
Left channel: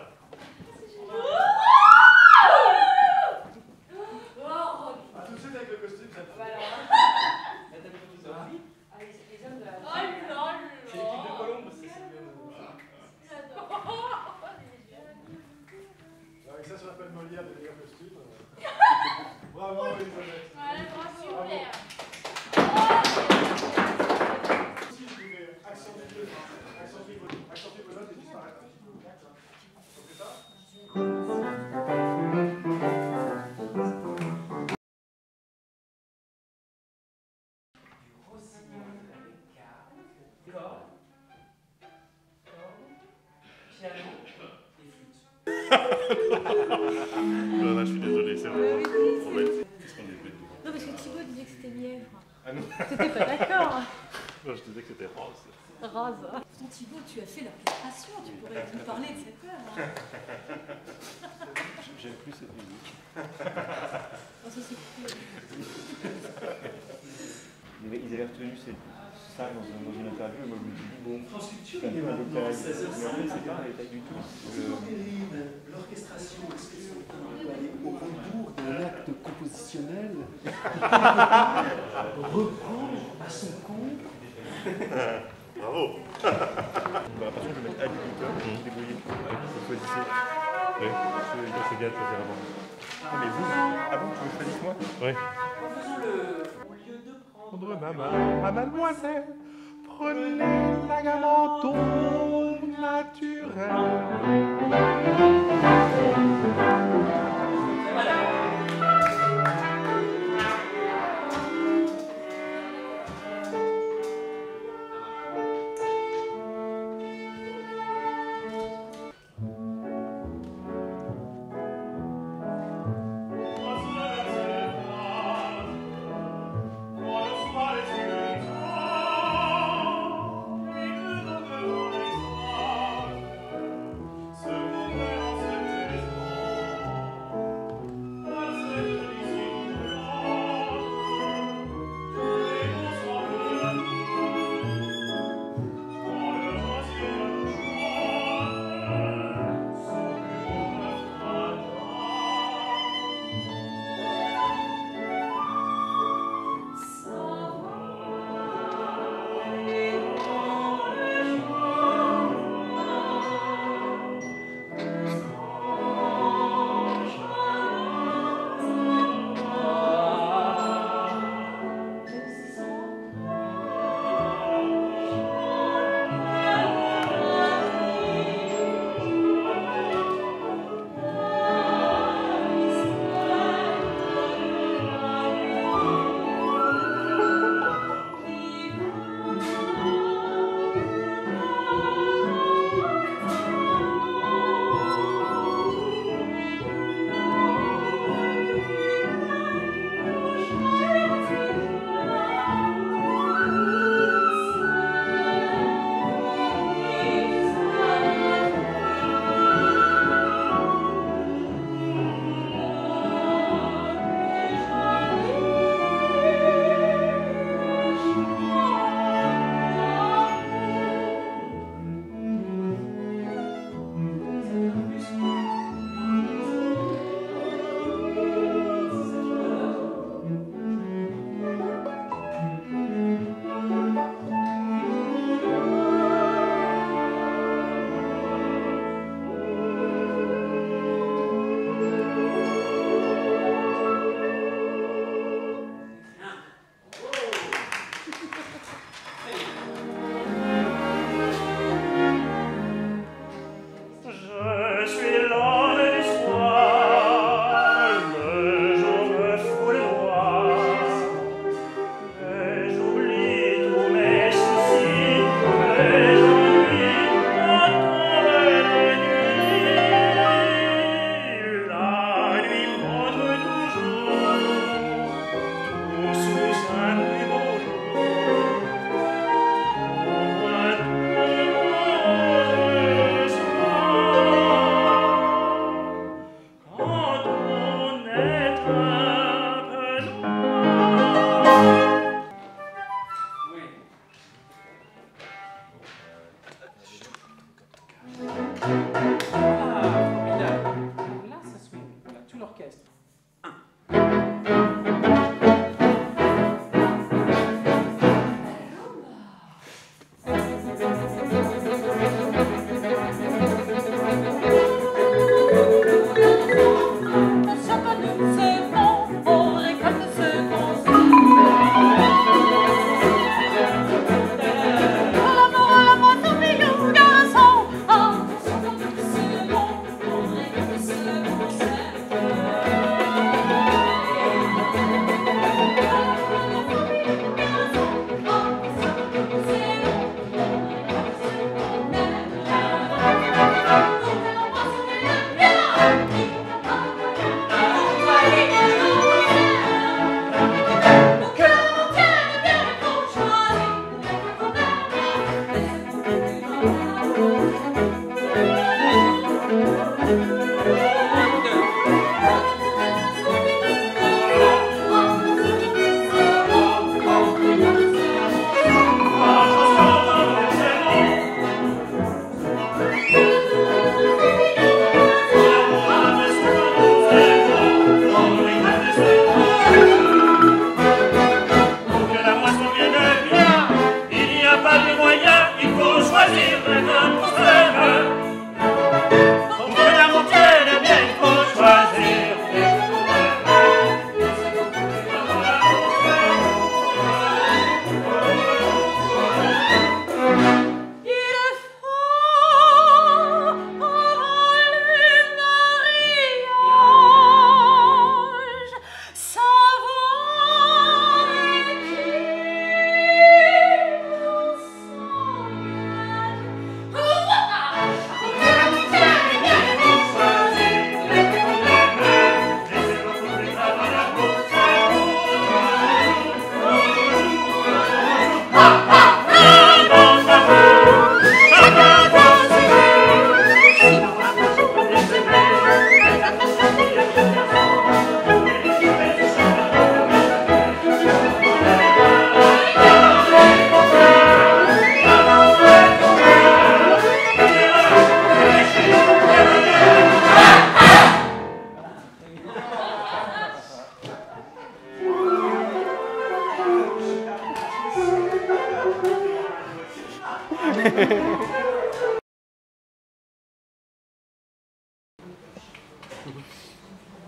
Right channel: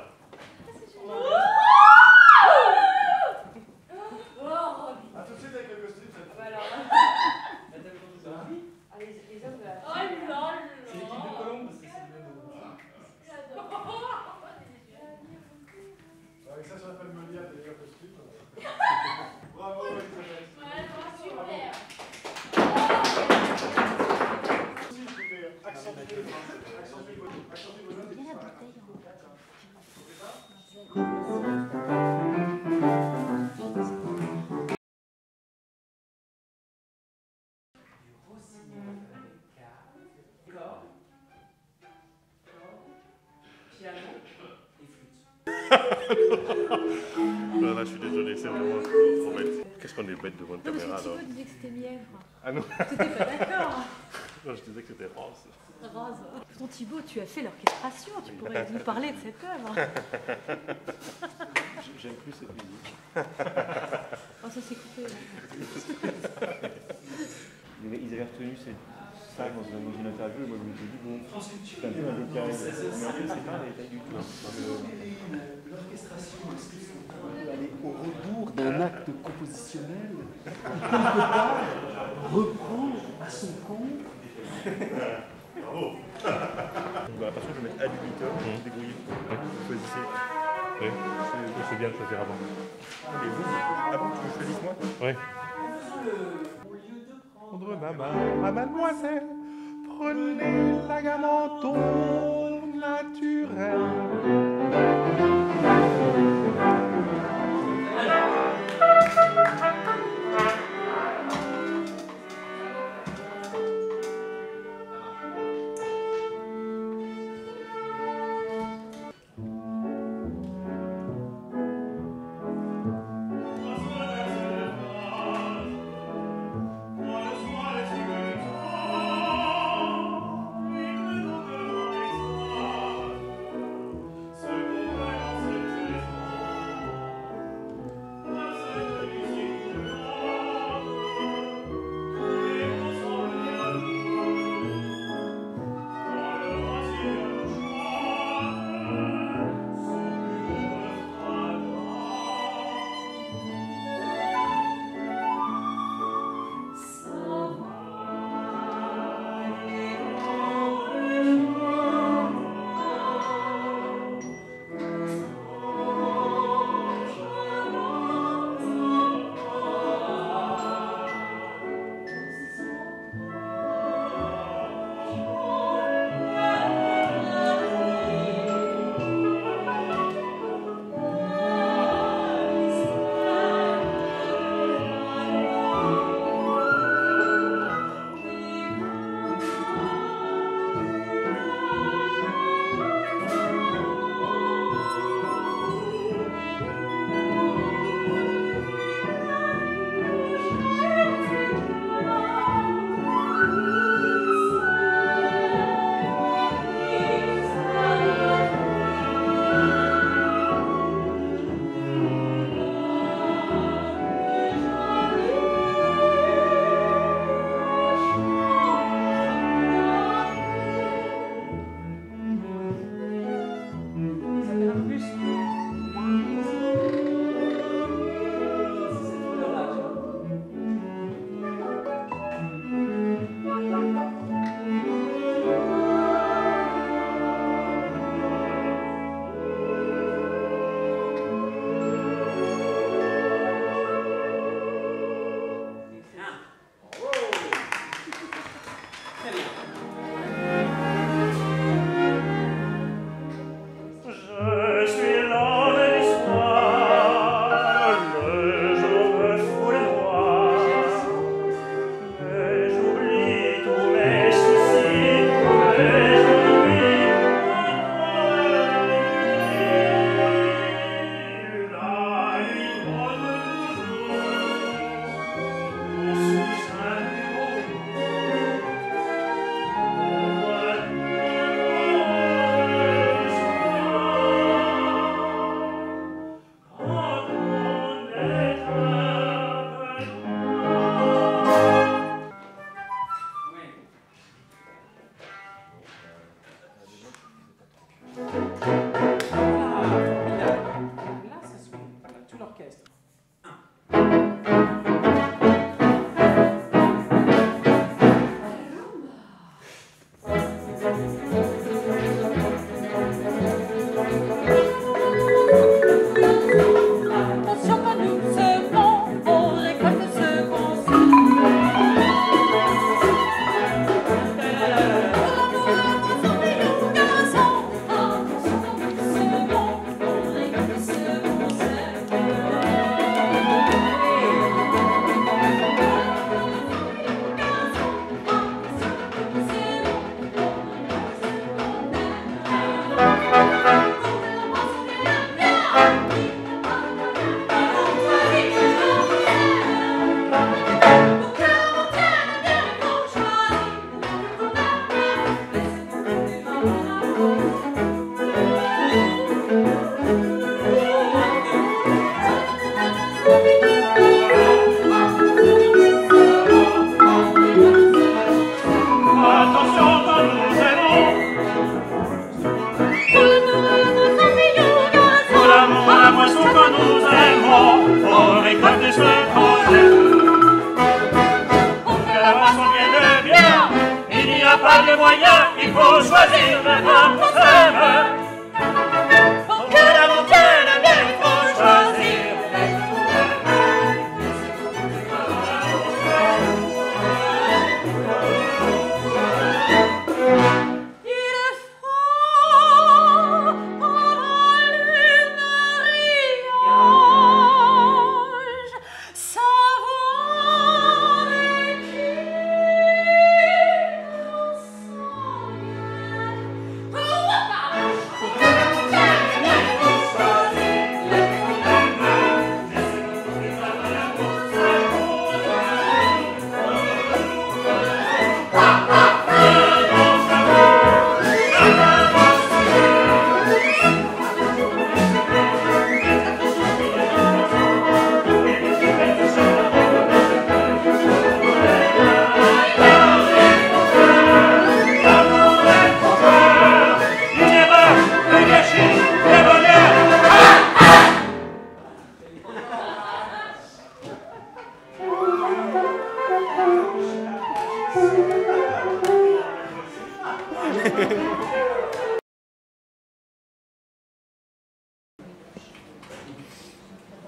A tout de suite avec le costume, ça te Voilà. Allez, les hommes de la... Oh là là. C'est l'équipe de Colombe, c'est Avec ça, ça s'appelle Molière de meilleur costume. Bravo, Elisabeth. Ouais, super. Si je pouvais accentuer vos notes et disparaître. C'est ça? Non, là, je suis désolé, c'est vraiment trop bête. Qu'est-ce qu'on est bête devant une Non, parce caméra, que Thibaut alors. disait que c'était mièvre. Ah non. T'étais pas d'accord. Non, je disais que c'était rose. Rose. Pourtant, Thibaut, tu as fait l'orchestration. Tu pourrais nous parler de cette œuvre. J'aime plus cette musique. Oh, ça s'est coupé. Ils avaient retenu ça dans une interview et moi je me suis dit bon, c'est un peu un détail. Mais en fait c'est pas un détail du tout. L'orchestration, est-ce qu'ils sont un peu à l'écoute? acte compositionnel qui, quelque part, reprend à son compte. Bravo. Bah, par contre, je vais mettre ad libitum, débrouiller. Vous choisissez. Oui, c'est bien de choisir avant. Non, mais vous, avant que tu me choisisses moi. Oui. Prendre ma main, mademoiselle, prenez la gamme en ton naturel. choisir vraiment pour soi-même. Pour que l'amour tienne bien, il faut choisir.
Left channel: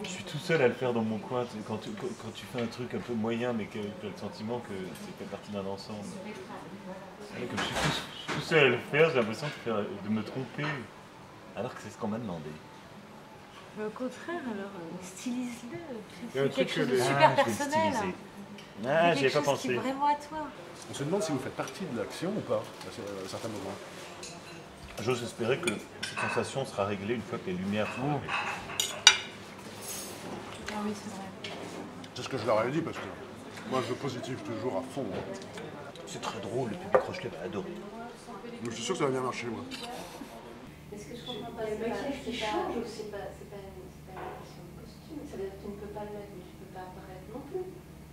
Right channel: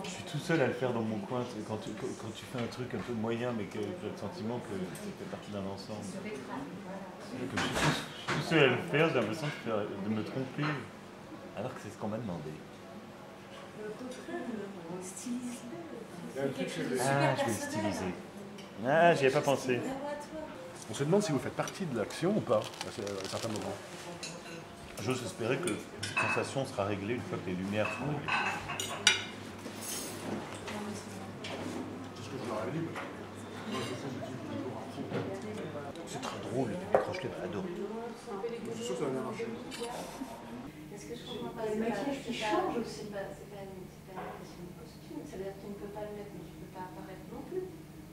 Je suis tout seul à le faire dans mon coin. Quand tu fais un truc un peu moyen, mais que tu as le sentiment que ça fait partie d'un ensemble. Comme je suis tout seul à le faire, j'ai l'impression de me tromper, alors que c'est ce qu'on m'a demandé. Au contraire, alors, stylise-le. Il y a un C'est quelque truc chose de que- super je vais le personnel. styliser. C'est Ah, j'y quelque ai pas chose qui pensé. est vraiment à toi. On se demande si vous faites partie de l'action ou pas, à certains moments. J'ose espérer que cette sensation sera réglée une fois que les lumières seront réglées. Non, mais c'est vrai. C'est ce que je leur ai dit parce que moi je positive toujours à fond. C'est très drôle, le public Rochelet va adorer. Je suis sûr que ça va bien marcher. Ouais. Est-ce que je comprends pas? Le maquillage qui change ou c'est pas une question de costume? Ça veut dire que tu ne peux pas le mettre, mais tu ne peux pas apparaître non plus.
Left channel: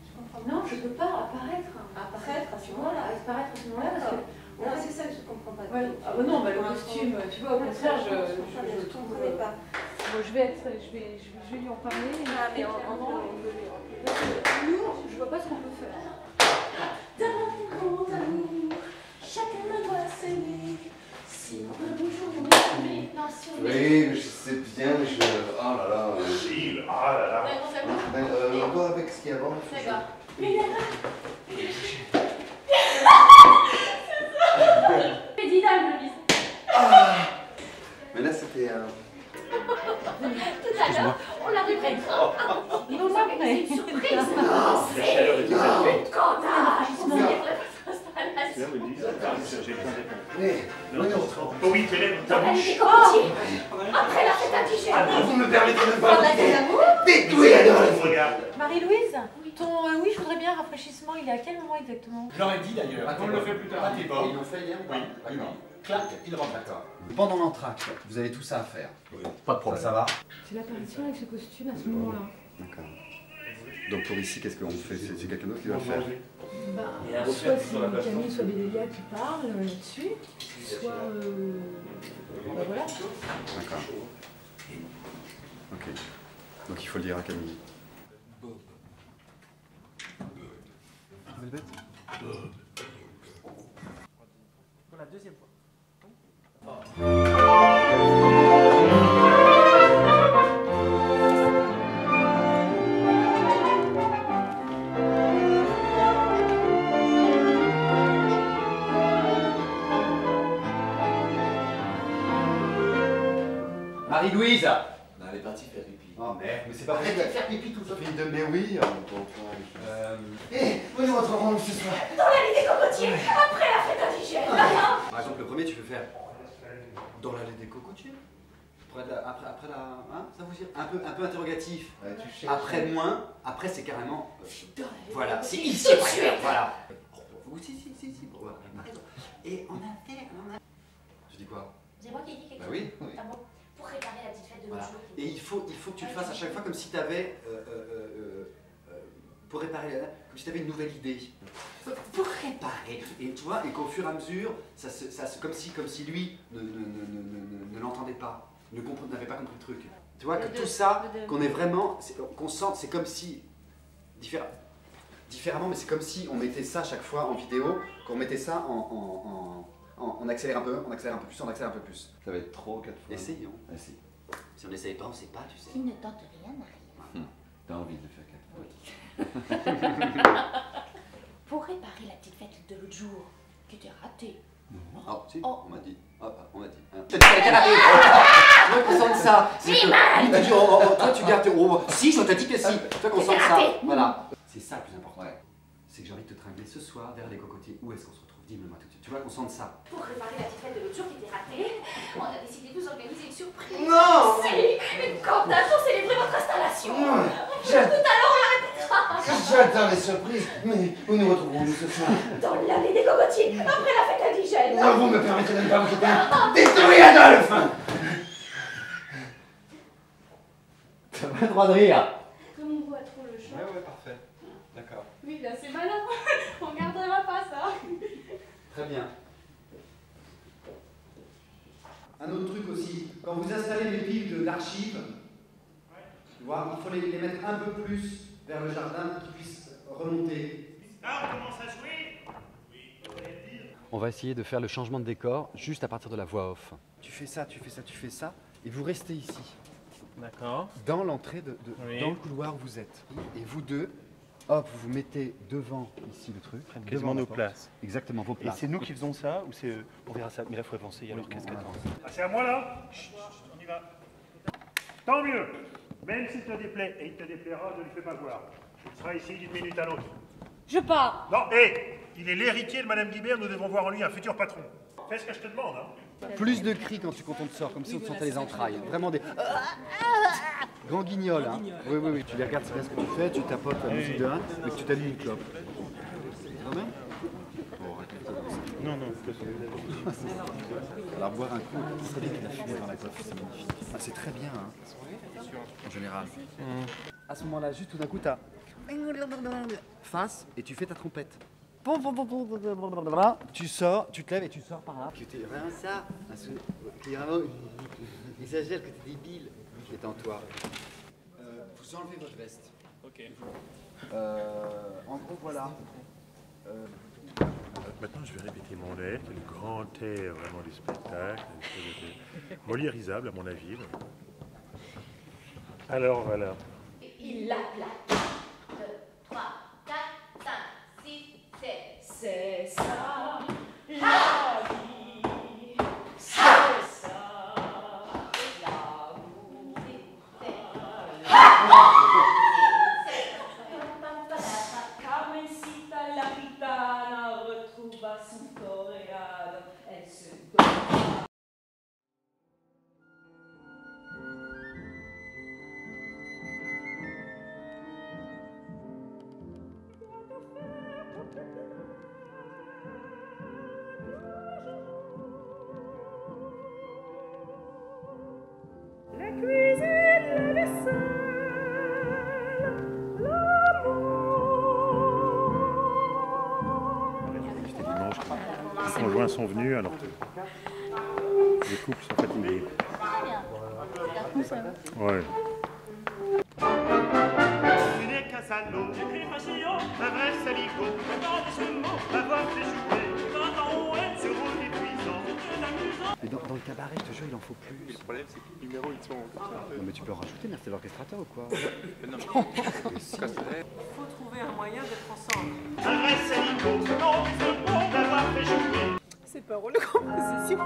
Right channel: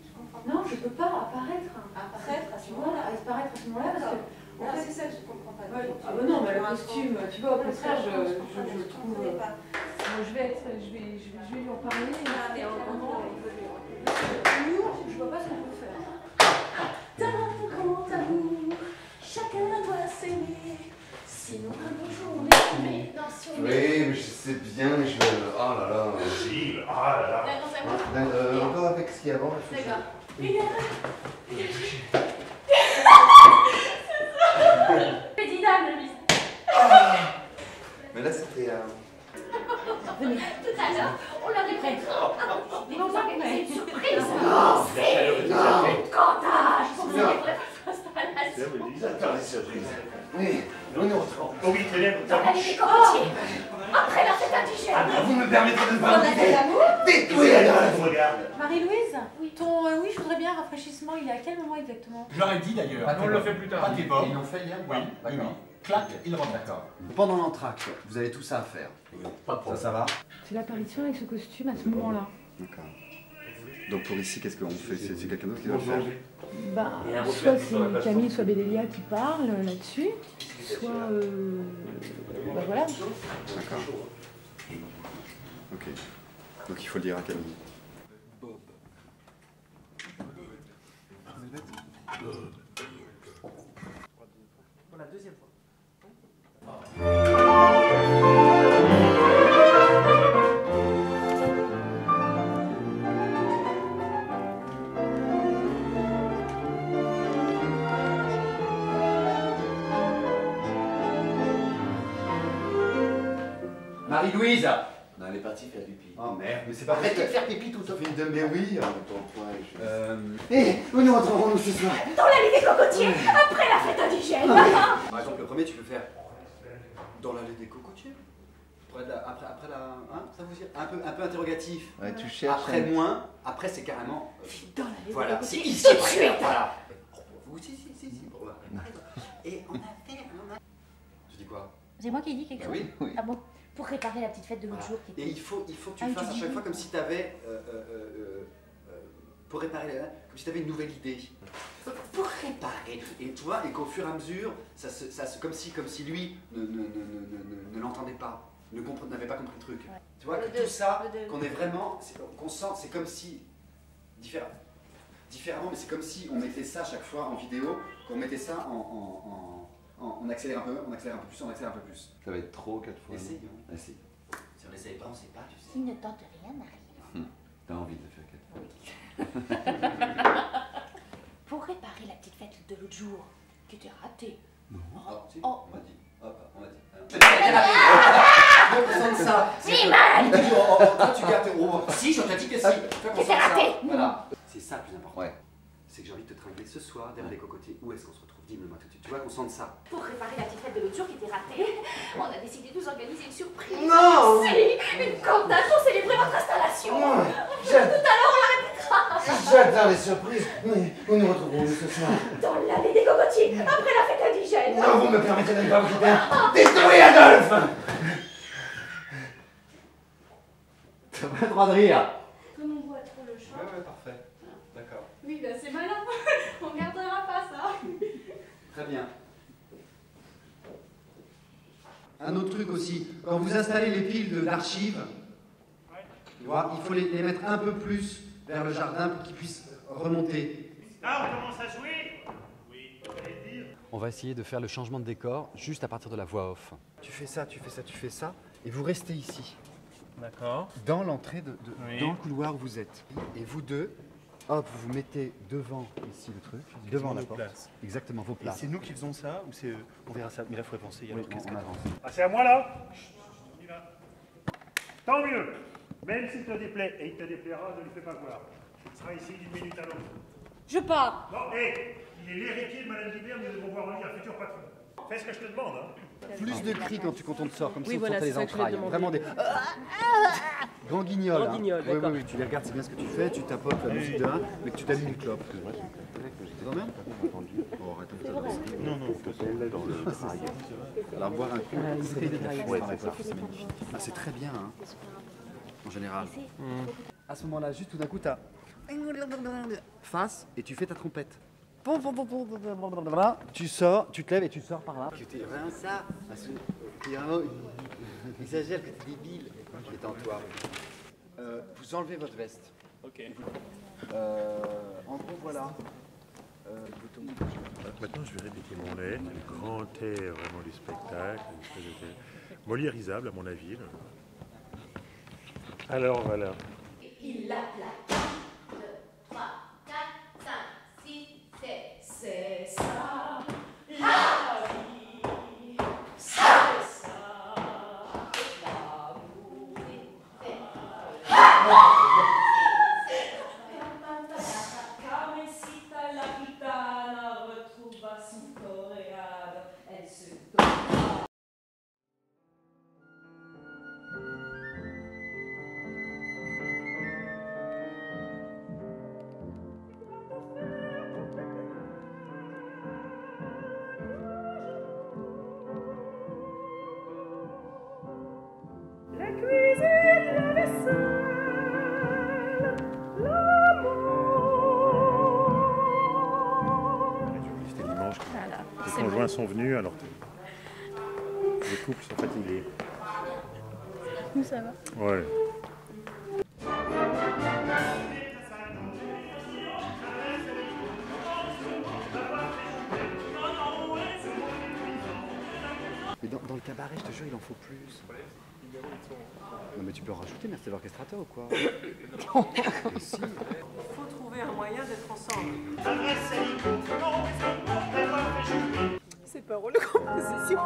Je comprends pas. Non, je ne peux pas apparaître. Apparaître à ce moment-là. Apparaître à ce moment-là parce que. Non, c'est ça que je ne comprends pas. Ouais. Ah bah non, mais le costume, tu vois, au contraire, je le trouve. pas. Bon, je vais lui en parler. Ah, mais on peut lui nous, je vois pas ce qu'on peut faire. Dans ton grand amour, chacun doit s'aimer. Sinon, un beau jour, on est dans son. Oui, mais je sais bien, mais je vais. Oh là là. Gilles, ah là là. Encore avec ce qu'il y a avant. D'accord. Pédidable, le Mais là, c'était un. Tout à l'heure, on l'avait pris. Non, non, mais C'est une surprise. La chaleur est exaltée. Quand C'est là où ils disent. Mais. Oui, tes lèvres, dans l'allée des cocotiers, après la fête indigène. Vous me permettez de me Dans l'allée parler. d'amour. Détruire la Marie-Louise, ton oui, je voudrais bien rafraîchissement, il est à quel moment exactement? Je leur ai dit d'ailleurs. On le fait plus tard. Ils l'ont fait hier ou pas? Oui, oui, oui. Clac, il rentre. D'accord. Pendant l'entracte, vous avez tout ça à faire. Pas de problème. Ça va? C'est l'apparition avec ce costume à ce moment-là. D'accord. Donc pour ici, qu'est-ce qu'on fait? C'est quelqu'un d'autre qui doit le faire? Ben, soit c'est Camille, soit Bédélia qui parle là-dessus, soit. Ben voilà. D'accord. Ok. Donc il faut le dire à Camille. Bob. Pour la deuxième fois. Marie-Louise. Non, elle est partie faire pipi. Oh merde, mais c'est pas vrai de faire pipi tout ça. Fait une mais oui. Où nous rentrerons-nous ce soir? Dans l'allée des cocotiers, après la fête indigène. Par exemple, le premier, tu peux faire dans l'allée des cocotiers. Après la. Hein, ça vous dit un peu interrogatif. Ouais, tu cherches. Après moins, après c'est carrément. Dans l'allée des Voilà, c'est cocotiers. ici. Tout de suite. Voilà. Oui, si. Bon, voilà. Et on a fait. Tu dis quoi? C'est moi qui dis quelque Bah chose. oui. Ah bon? Pour réparer la petite fête de l'autre jour. Et il faut que tu fasses à chaque fois comme si tu avais. Pour réparer comme si tu avais une nouvelle idée. Pour réparer. Et tu vois, et qu'au fur et à mesure, comme si lui ne l'entendait pas, n'avait pas compris le truc. Tu vois, que tout ça, qu'on est vraiment, qu'on sent, c'est comme si, différemment, mais c'est comme si on mettait ça à chaque fois en vidéo, qu'on mettait ça On accélère un peu, on accélère un peu plus, on accélère un peu plus. Ça va être trop 4 fois. Essayons. Essaye. Si on n'essaye pas, on sait pas, tu sais. Qui ne tente rien n'arrive. T'as envie de le faire 4 fois. Pour réparer la petite fête de l'autre jour, qui était ratée. Oh, si, Oh. on m'a dit. On m'a dit. Toi, concentre ça. Oui, mal. Toi, tu gardes tes. Si, je te dis que si. Toi, concentre ça. raté. Voilà. C'est ça le plus important. C'est que j'ai envie de te tringler ce soir derrière les cocotiers. Où est-ce qu'on se retrouve? Dis-le-moi tout de suite. Tu vois qu'on sente ça. Pour réparer la petite fête de l'autre jour qui était ratée, on a décidé de vous organiser une surprise. Non. Si, une cantate pour célébrer votre installation. Tout à l'heure, on la répétera. J'adore les surprises, mais où nous retrouverons-nous ce soir? Dans l'allée des cocotiers, après la fête indigène. Non, vous me permettez de ne pas vous quitter. Détruis Adolphe! T'as pas le droit de rire. Comme on voit trop le champ. Ouais, parfait. D'accord. Oui, là c'est malin. On gardera pas ça. Très bien. Un autre truc aussi, quand vous installez les piles d'archives, tu vois, il faut les mettre un peu plus vers le jardin pour qu'ils puissent remonter. Là, on commence à jouer. Oui, vous allez dire. On va essayer de faire le changement de décor juste à partir de la voix off. Tu fais ça, tu fais ça, tu fais ça, et vous restez ici. D'accord. Dans l'entrée, Oui. dans le couloir où vous êtes. Et vous deux, hop, vous vous mettez devant ici le truc, devant nos la porte. places. Exactement, vos Et places. c'est nous qui faisons ça ou c'est on verra ça. Mais là, il faudrait penser. Il y a l'orchestre qui attend. Ah, c'est à moi là. On y va. Tant mieux. Même s'il te déplaît, et il te déplaira, ne lui fais pas voir. Il sera ici d'une minute à l'autre. Je pars. Non, il est l'héritier de Madame Guibert, nous devons voir en lui un futur patron. Fais ce que je te demande, hein. Plus de cris quand on te sort, comme si on voilà, sentait les c'est ça que je entrailles. demandais. Vraiment des grands guignols. Grand Hein. guignol, Oui, d'accord. oui, oui. Tu les regardes, c'est bien ce que tu fais, tu tapotes la musique de 1, mais que tu t'allumes une clope. Ça va bien? Oh, arrête de te Non, non. Alors boire un coup, ce serait bien qu'il a fumé dans la coiffe, c'est magnifique. Ah, c'est très bien, hein, en général. À ce moment-là, juste tout d'un coup, t'as face et tu fais ta trompette. Tu sors, tu te lèves et tu sors par là. Tu t'es vraiment ça, qui vraiment exagère que t'es débile, qui est en toi. Vous enlevez votre veste. Ok. En gros, voilà. Maintenant, je vais répéter mon air, qui est le grand air vraiment du spectacle, une espèce de moliérisable à mon avis. Alors voilà. Il l'appela. 2, 3, 4, 5, 6, 7. C'est ça, la vie. C'est ça, l'amour. Carmencita la gitana retrouva son coréade. Elle se donna. La cuisine, la vaisselle, l'amour. C'était dimanche. Les conjoints sont venus alors que les couples sont fatigués. Ça va. Ouais. Mais dans le cabaret, je te jure, il en faut plus. Non mais tu peux en rajouter, mais c'est l'orchestrateur ou quoi? Mais si. Il faut trouver un moyen d'être ensemble. C'est pas rôle de composition.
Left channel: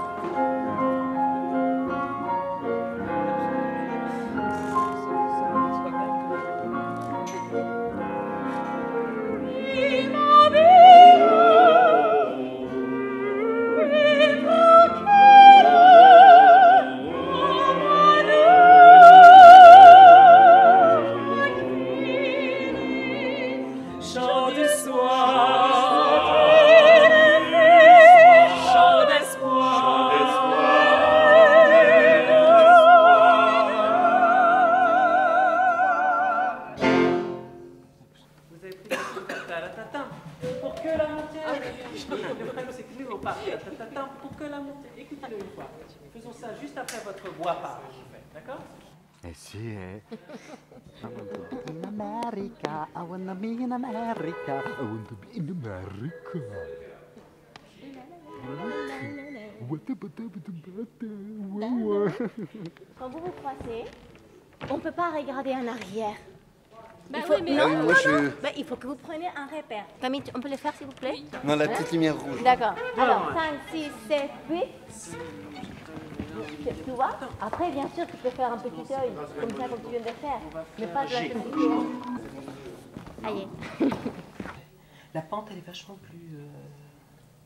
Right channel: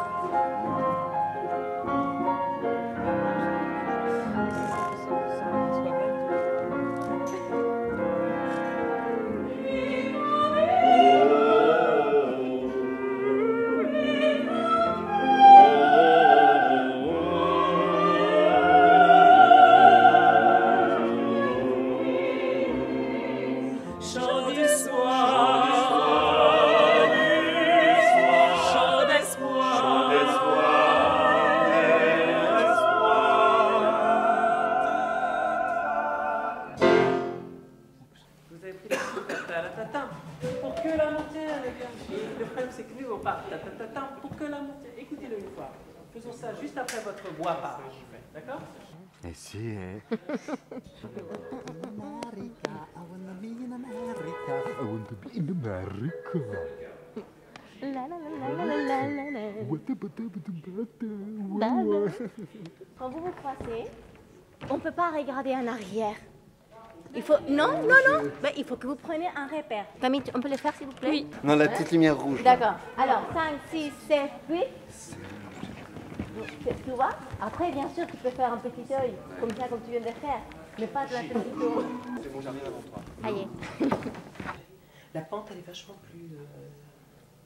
Chant d'espoir, chant d'espoir. Vous avez pris ta-ta-ta-ta. Pour que la montée. Le problème, c'est que nous, on part ta-ta-ta-ta pour que la montée. Écoutez-le une fois. Faisons ça juste après votre bois-part. D'accord? Eh si, eh. America, I wanna be in America. I want to be in America. La la la la la la la. Quand vous vous croisez, on ne peut pas regarder en arrière. Il Bah faut... oui, mais- Non, Oui, non, je- non. Bah, il faut que vous preniez un repère. Camille, on peut le faire s'il vous plaît? Non, la Hein? petite lumière rouge. D'accord. Alors, 5, 6, 7, 8. Tu vois? Après, bien sûr, tu peux faire un petit œil, comme ça, comme tu viens de faire. Mais pas de la petite tour. Allez. La pente, elle est vachement plus...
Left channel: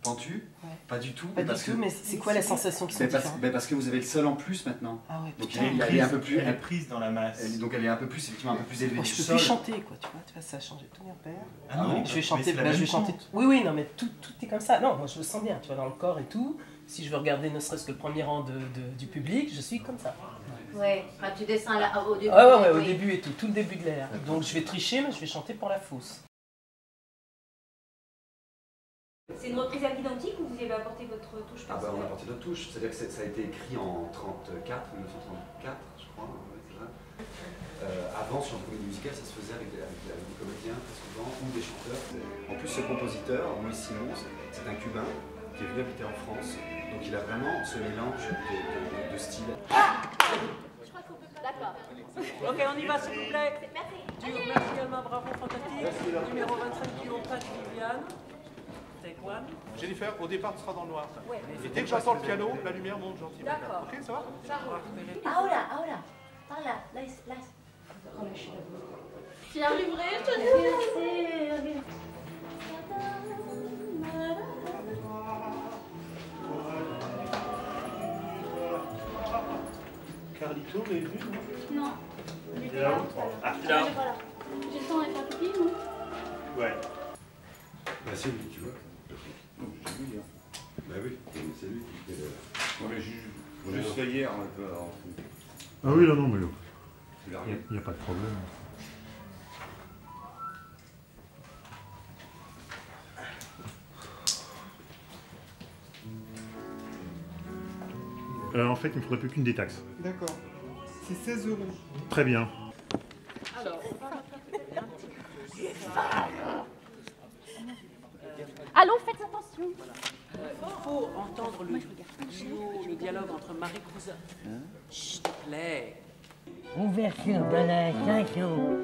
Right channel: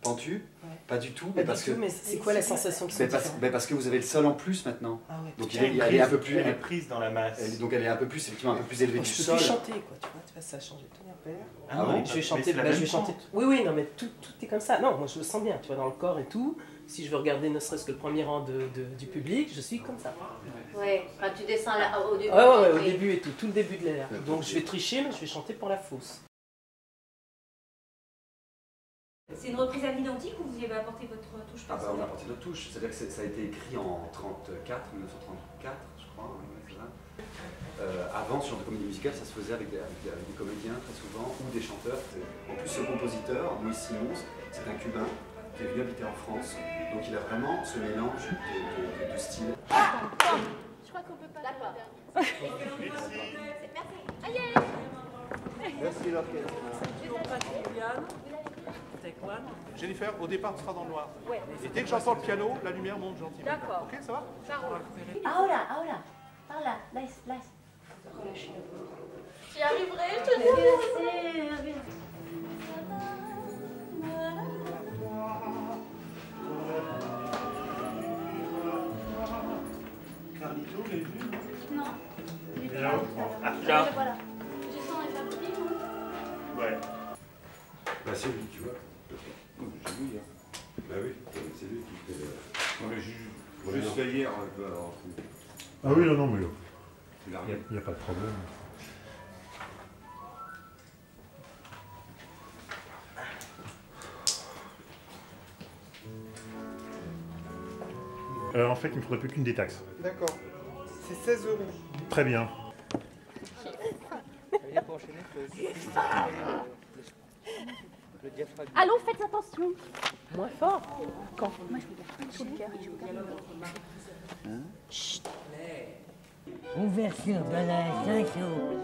Pentu? Ouais. Pas du tout. Pas du parce tout, que- mais c'est quoi la sensation qui sont différentes? parce que vous avez le sol en plus maintenant. Ah ouais, Donc putain. elle est un peu plus. Elle est prise dans la masse. Donc elle est un peu plus, effectivement, un peu plus élevée Oh, du je peux sol. plus chanter, quoi, tu vois, ça a changé tout mon père. Ah non, je vais mais chanter, c'est la bah, je même vais chanter. pente. Oui, oui, non, mais tout est comme ça. Non, moi je le sens bien, tu vois, dans le corps et tout. Si je veux regarder ne serait-ce que le premier rang du public, je suis comme ça. Ouais, quand tu descends là, au début. Ouais, au oui. début et tout le début de l'air. Donc je vais tricher, mais je vais chanter pour la fosse. C'est une reprise à l'identique ou vous y avez apporté votre touche Ah bah, on a personnelle? apporté notre touche, c'est-à-dire que ça a été écrit en 1934, je crois. Ouais, c'est ça. Avant, sur de comédie musicale, ça se faisait avec des comédiens très souvent, ou des chanteurs. En plus, ce compositeur, Moïse Simons, c'est un Cubain qui est venu habiter en France. Donc il a vraiment ce mélange de styles. Je crois qu'on peut pas. D'accord. Ok, on y va, s'il vous plaît. Merci. Bravo, fantastique. Merci, là. Numéro 25, kilo, pas Viviane. Take one. Jennifer, au départ, tu seras dans le noir. Et dès que j'entends le piano, la lumière monte gentiment. Ok, ça va? Ahora, ahora. Ahora, laisse. Relâchez la voix. J'y arriverai, je te dis. Carlito, vous l'avez vu, non? Non. Il était Là. là tout à l'heure. Ah, là. Voilà. J'ai le temps d'être un petit, non? Ouais. Bah c'est lui, tu vois. Non, mais j'ai vu hier. Bah oui, c'est lui qui fait le... Non mais juste fait hier, un peu alors. Ah oui, non, mais Tu l'as il n'y a pas de problème. En fait, il ne me faudrait plus qu'une détaxe. D'accord. C'est 16 €. Très bien. Allons, faites attention. Moins fort. Moi, je regarde. Le dialogue entre Marie-Cousin. Chut, les. Ouverture de la chanson.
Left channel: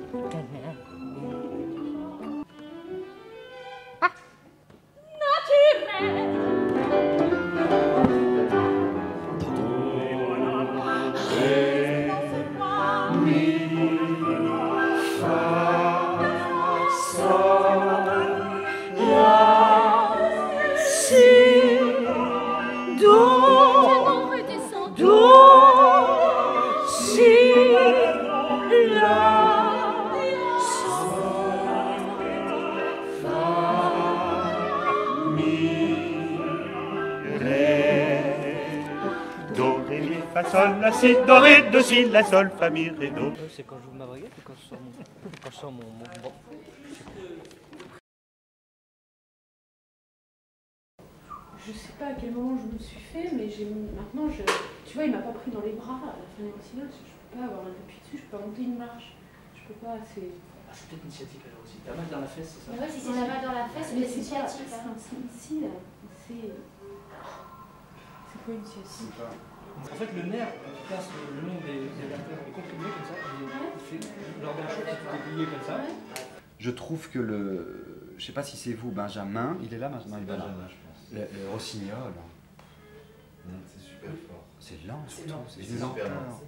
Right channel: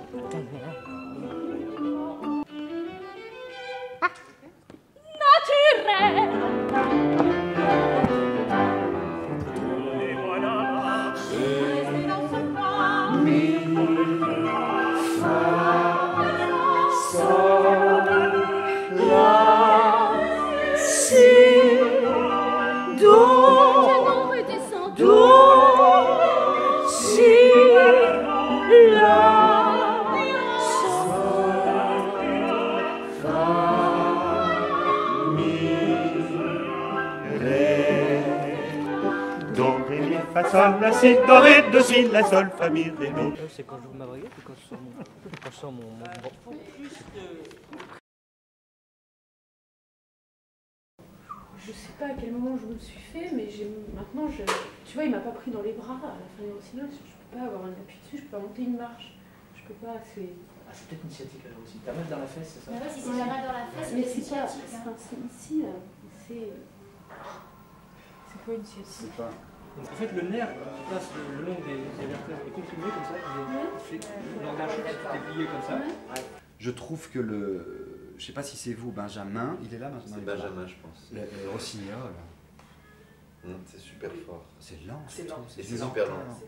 Do, ré, mi, fa, sol, la, si, do, ré, do, si, la, sol, fa, mi, ré, do. C'est quand j'ouvre ma baguette ou quand je sors mon bon. Je sais pas à quel moment je me le suis fait, mais maintenant, tu vois, il m'a pas pris dans les bras à la fin du récital. Je peux pas avoir un appui dessus, je peux pas monter une marche. Je peux pas, c'est... Ah, c'est peut-être une sciatique alors aussi. T'as mal dans la fesse, c'est ça? Ah ouais, si j'ai mal dans la fesse, Mais c'est c'est pas... sciatique, hein. enfin, c'est ici, là. C'est... C'est quoi une sciatique? En fait, le nerf qui passe le long des vertèbres est comprimé comme ça, il fait lors d'un choc, il est plié comme ça. Je trouve que le. Je sais pas si c'est vous, Benjamin. Il est là, Benjamin? Il est pas là. Benjamin, je pense. Le rossignol. C'est super fort. C'est lent, surtout. C'est C'est une super lenteur. lent.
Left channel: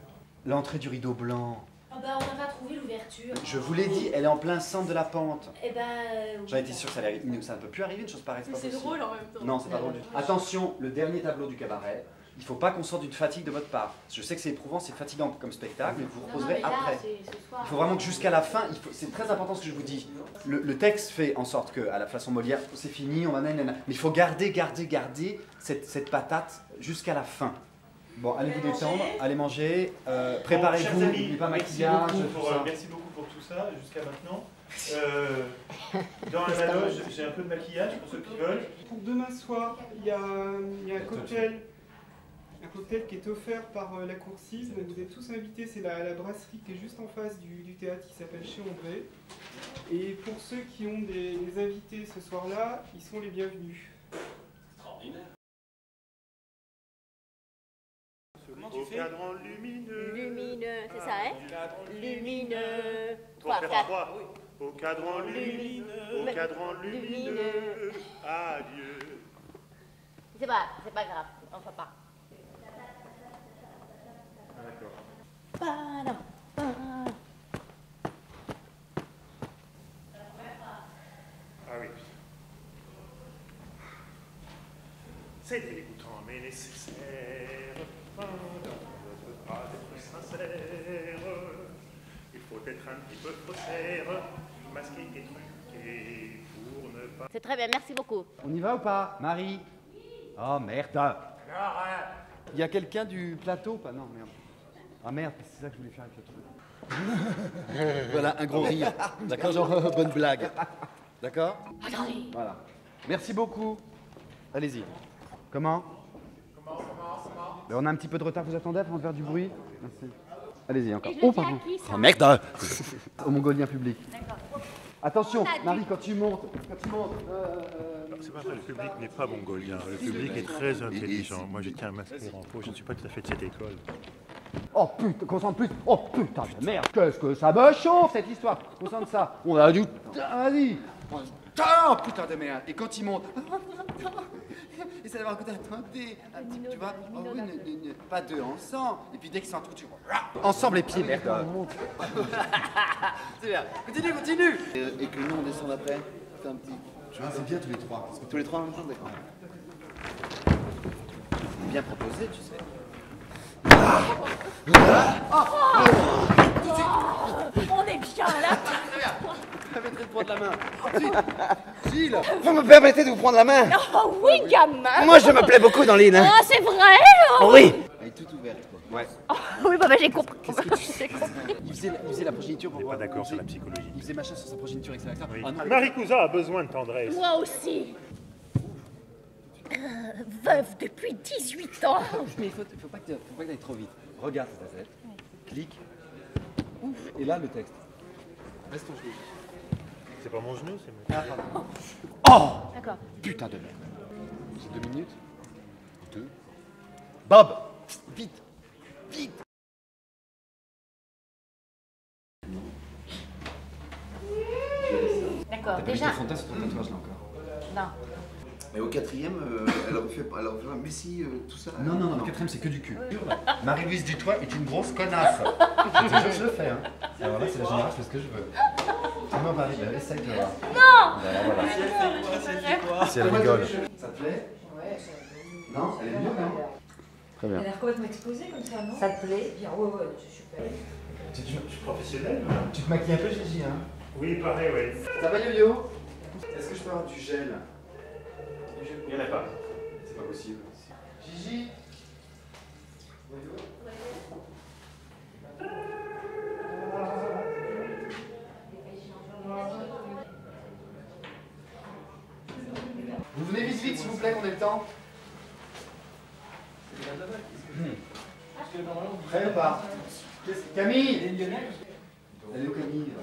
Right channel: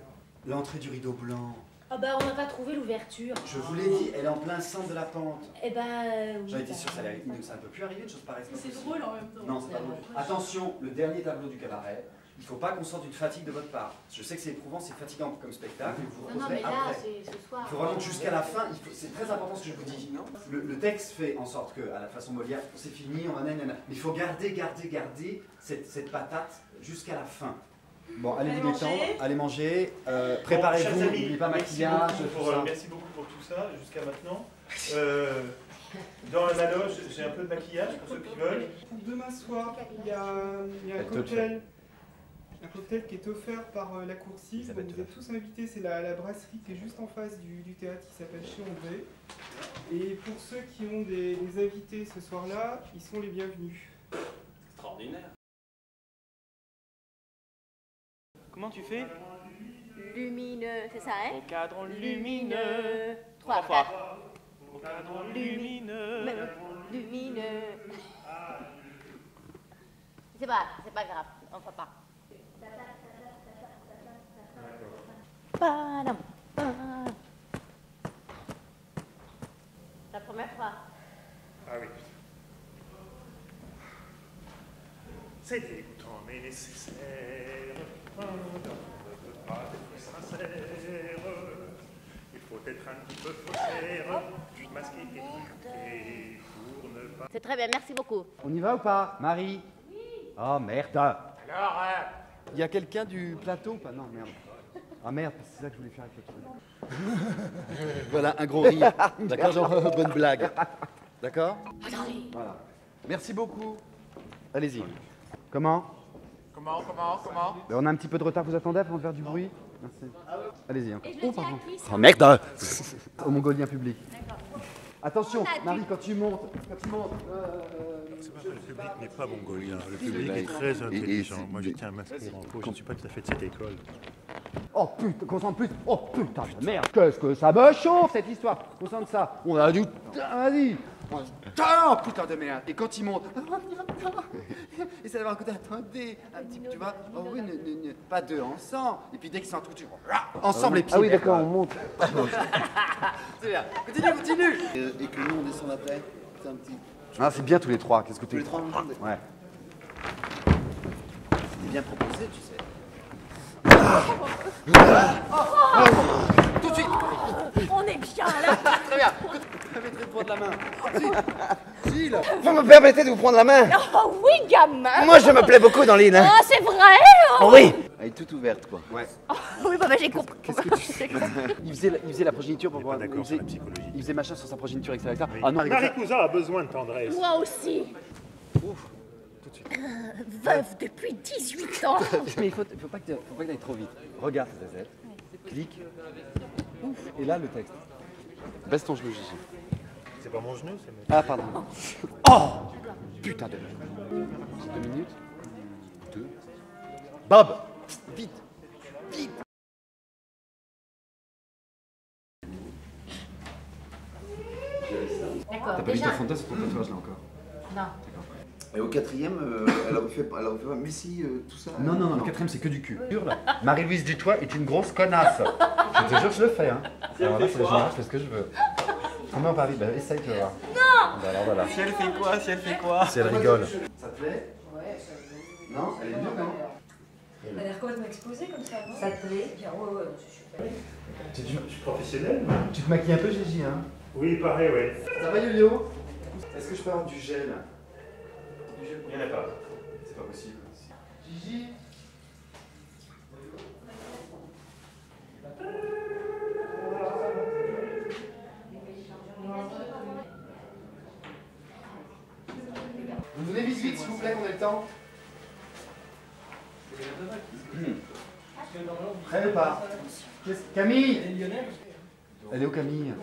L'entrée du rideau blanc. Ah bah, on n'a pas trouvé l'ouverture. Je vous l'ai dit, elle est en plein centre de la pente. Eh ben, oui. J'en étais sûr que ça ne peut plus arriver, une chose pareille. C'est drôle en même temps. Non, c'est pas drôle du tout. Attention, le dernier tableau du cabaret, il ne faut pas qu'on sorte d'une fatigue de votre part. Je sais que c'est éprouvant, c'est fatigant comme spectacle, vous Non, mais reposerez là, après. c'est ce soir. Il faut vraiment que jusqu'à la fin, c'est très important ce que je vous dis. Le texte fait en sorte que, à la façon Molière, c'est fini, on en a, mais il faut garder cette patate jusqu'à la fin. Bon, allez vous détendre, allez manger, préparez-vous, Chers amis, n'oubliez pas merci maquillage, beaucoup tout pour, ça. merci beaucoup pour tout ça jusqu'à maintenant. Dans la maloge, j'ai un peu de maquillage pour ceux qui veulent. Pour demain soir, il y a un cocktail qui est offert par la coursive. Vous êtes tous invités, c'est la brasserie qui est juste en face du théâtre qui s'appelle Chez André. Et pour ceux qui ont des invités ce soir-là, ils sont les bienvenus. Extraordinaire. fait Lumineux, c'est ça, hein? Au cadran Lumineux. 3, 4. Au cadran lumineux, Lumineux. adieu. C'est pas grave, on ne fait pas. Ah, d'accord. Padam, padam. La première fois. Ah oui. C'est dégoûtant mais nécessaire. On ne peut pas être sincère. Il faut être un petit peu faussaire, masqué et truqué pour ne pas. C'est très bien, merci beaucoup. On y va ou pas, Marie? Oh merde. Il y a quelqu'un du plateau ou pas? Non, merde. Ah merde, c'est ça que je voulais faire avec le truc. Voilà, un gros rire. D'accord, genre bonne blague. D'accord? Voilà. Merci beaucoup. Allez-y. Comment? Ben, on a un petit peu de retard, vous attendez avant de faire du bruit? Merci. Allez-y encore. Oh pardon. Oh merde. Au mongolien public. D'accord. Attention, Marie, quand tu montes. C'est pas vrai, le public n'est pas mongolien. Le public est très intelligent. Moi, j'étais un masqué en faux. Je ne suis pas tout à fait de cette école. Oh putain, concentre plus. Oh putain de merde. Qu'est-ce que ça me chauffe cette histoire. Concentre ça. On a du. Vas-y. Oh putain de merde. Et quand il monte. Et ça va avoir un côté, attendez, un petit, tu vois, oh oui, pas deux ensemble. Et puis dès qu'ils sont un truc, tu ensemble les pieds. Ah oui, d'accord, on monte. C'est bien. Continue. Et que nous on descend après. C'est un petit. Ah, c'est bien tous les trois. Qu'est-ce que tous les trois en même temps? Ouais. C'est bien proposé, tu sais. On est bien là. Très bien. Permettez de prendre la main. Gilles. Vous me permettez de vous prendre la main? Oh oui, gamin. Moi, je me plais beaucoup dans l'île. Hein. Ah, c'est vrai. Oui. Elle est toute ouverte, quoi. Ouais. Oh, oui, bah, j'ai compris. Qu'est-ce que tu sais? Il faisait la progéniture pour On n'est voir. pas d'accord sur la psychologie. Il faisait machin sur sa progéniture, etc. Oui. Ah non. Marie Cousin a besoin de tendresse. Moi aussi. Veuve depuis 18 ans. Mais il faut pas que tu ailles trop vite. Regarde cette tête. Clique. Ouf. Et là, le texte. Baisse ton genou, Gigi. C'est pas mon genou, c'est Ah, pardon. Oh D'accord. Putain de merde. J'ai 2 minutes. 2. Bob. Vite. Vite. D'accord. T'as pas mis ta fontaine sur ton tatouage là encore? Non. Et au quatrième, elle aurait fait mais si, tout ça. Non, le quatrième c'est que du cul. Marie-Louise Dutoit est une grosse connasse. Je te jure que je le fais. Hein. Alors là, c'est la générale, je fais ce que je veux. Comment Paris? Bah, essaye, tu vas voir. Non. Bah, alors voilà. Si elle fait quoi? Si elle fait quoi? Si elle rigole. Ça te plaît? Ouais, ça me plaît. Non, elle est mieux, non? Très bien. Elle a l'air complètement exposée comme ça, non? Ça te plaît? Bien, ouais, c'est super. Je suis professionnel. Tu te maquilles un peu, Gigi, hein? Oui, pareil, oui. Ça va, Yo-Yo? Est-ce que je peux avoir du gel? Il n'y en a pas. C'est pas possible. Gigi? Vous venez vite, s'il vous plaît, qu'on ait le temps. Prêt ou pas? Camille? Elle est où, Camille?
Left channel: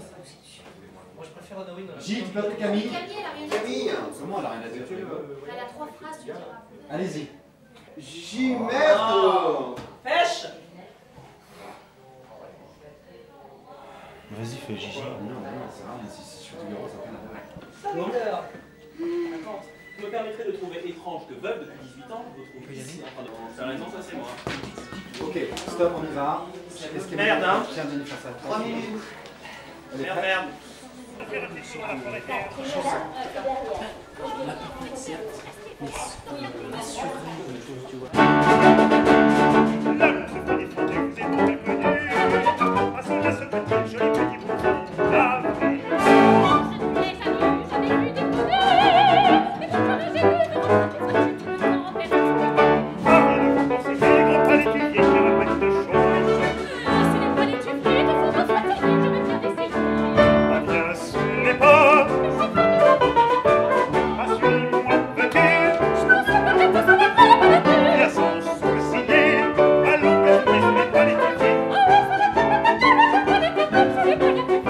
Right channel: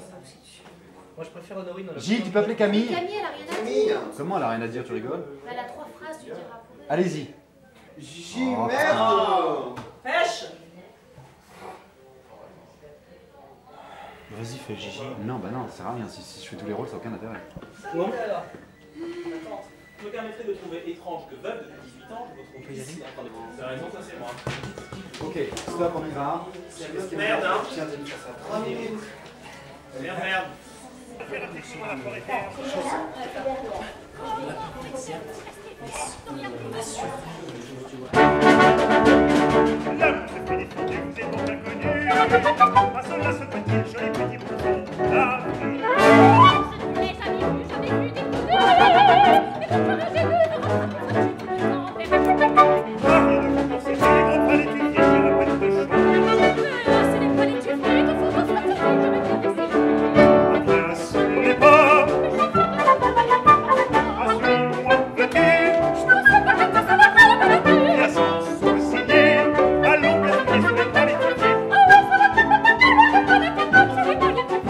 Moi, je préfère Honorine dans la. Gilles, tu peux appeler Camille? Camille, elle a rien à Camille! dire. Comment elle a rien à dire, tu rigoles? Elle a 3 phrases, tu diras. Allez-y. Gigi, merde! Pêche! Vas-y, fais Gigi. Non, bah non, c'est rien. Si je fais tous les rôles, ça n'a aucun intérêt. Attends, je me permettrais de trouver étrange que veuve depuis 18 ans, je vous trouve ici en train de prendre. C'est la raison, ça c'est moi. Ok, stop, on y va. Merde, hein. Tiens, Denis, faire ça. Merde. Faire attention à la forêt terre. L'homme se fait défendre, vous êtes donc inconnu. À cela se peut-il, joli petit bouton d'avril. J'avais vu des coups de... Mais pourquoi j'ai vu Rien ne vous pensez, c'est les grands pas l'étudier, cher à pas de choses. Ce n'est pas les tuer, il faut qu'on soit terrible, je vais bien essayer. Ah bien sûr les pas. Ah suis-moi, veux-tu? Je pense que peut-être que ça va pas la peine. Bien sans sourciller, allons bien jouer sur les pas l'étudier. Ah ouais, ça va pas la peine, je vais pas les tuer, je vais pas les tuer.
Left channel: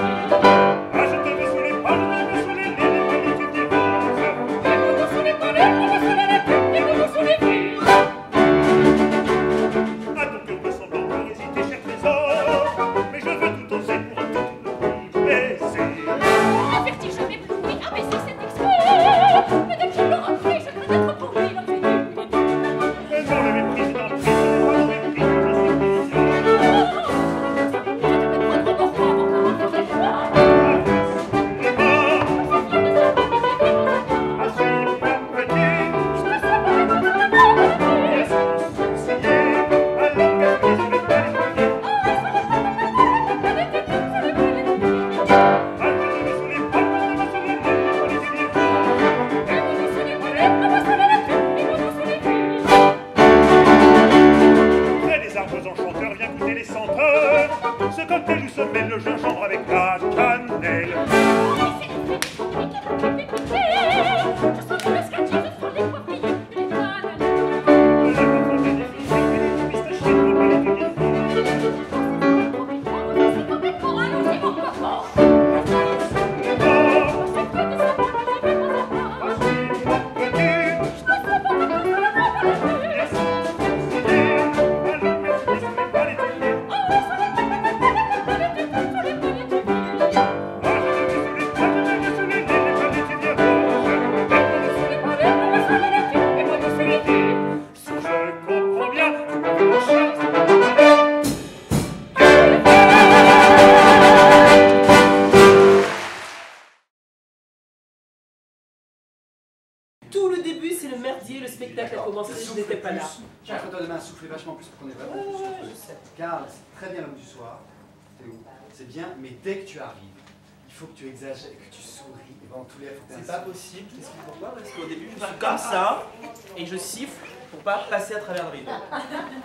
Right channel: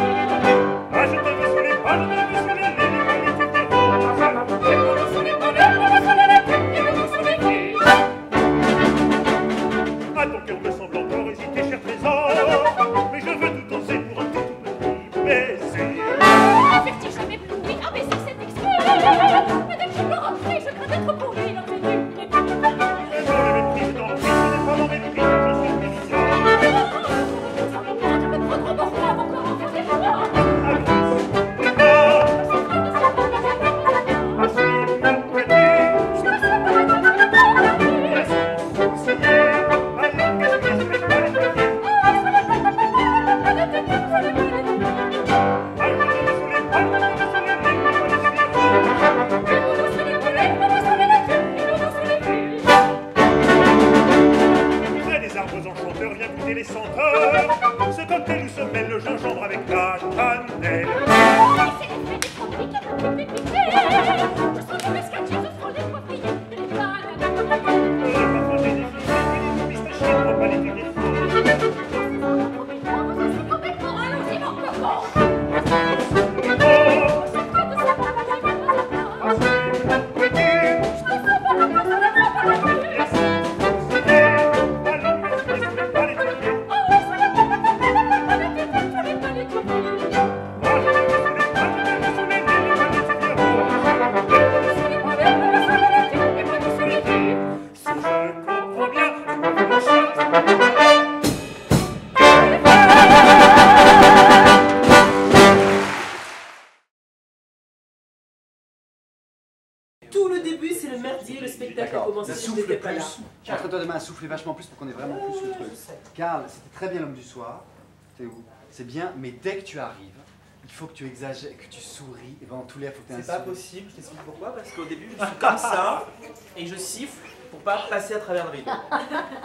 Ah je te veux sous les vertige m'éblouit. Ah, mais c'est extrait. Mais dès qu'il l'aura pris, je crains d'être pour lui l'objet du Mais non, le mépris est en prise, ce n'est pas dans mépris que je suis président. de me prendre pour moi pour commencer des choix. Enchanteurs, viens goûter les senteurs. Ce cocktail où se mêle le gingembre avec la cannelle. C'est l'effet des compliques à la pipi piquée. Je sens tous les scatchers, je sens les poivriers et les bananes. Les parfums des défilés et les pistachiers ne vont pas les cueillir. C'est comme un coral aussi, mon coco. Tout le début, c'est le merdier, le spectacle a commencé, je n'étais pas là. Tiens, toi demain, soufflez vachement plus pour qu'on ait vraiment plus de trucs. Karl, c'est très bien l'homme du soir, Théo, c'est bien, mais dès que tu arrives, il faut que tu exagères, que tu souris, et dans tous les faut que tu C'est pas possible, je t'explique pourquoi, parce qu'au début, je suis comme ça, et je siffle pour pas passer à travers le rideau.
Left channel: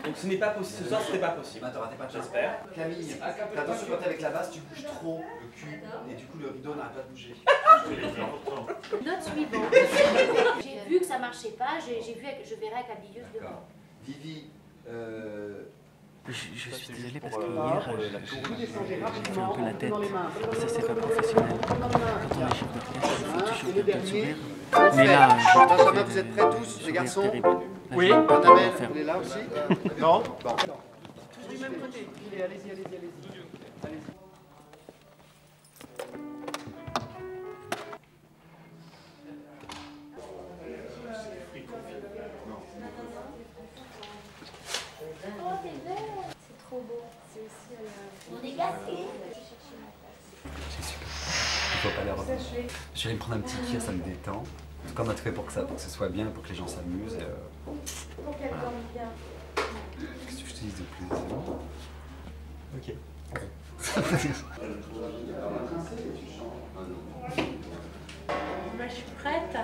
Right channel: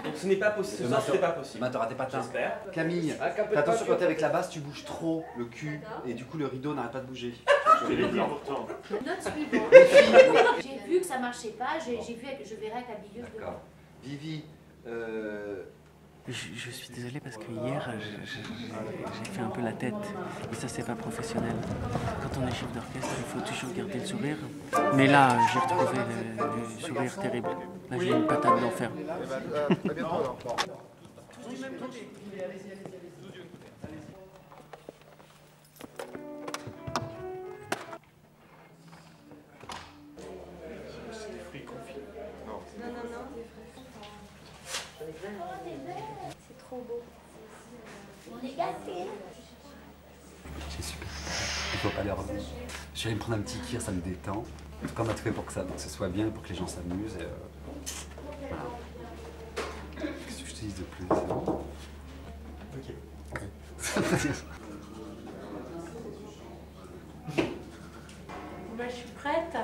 Donc ce n'est pas possible, ce soir, c'était pas possible. T'auras pas de J'espère. Camille, fais attention quand t'es avec la basse, tu bouges trop le cul, et du coup le rideau n'arrête pas de bouger. Je l'ai dit pourtant. Note suivante. J'ai vu que ça marchait pas, je verrai avec l'habilleuse demain. Vivi, Je suis désolé parce que hier, j'ai fait un peu la tête. Et ça, c'est pas professionnel. Quand on est chef d'orchestre, il faut toujours garder le sourire. Mais là, j'ai retrouvé le sourire terrible. Là, j'ai une patate d'enfer. Non. Tous du même côté. Allez-y, allez-y. C'est trop beau. On est gâtés. C'est super. Il faut pas les revenir. Je vais aller me prendre un petit kir, ça me détend. En tout cas, on a tout fait pour que ce soit bien, pour que les gens s'amusent. Voilà. Qu'est-ce que je te dis de plus? C'est bon? Ok. Moi, je suis prête.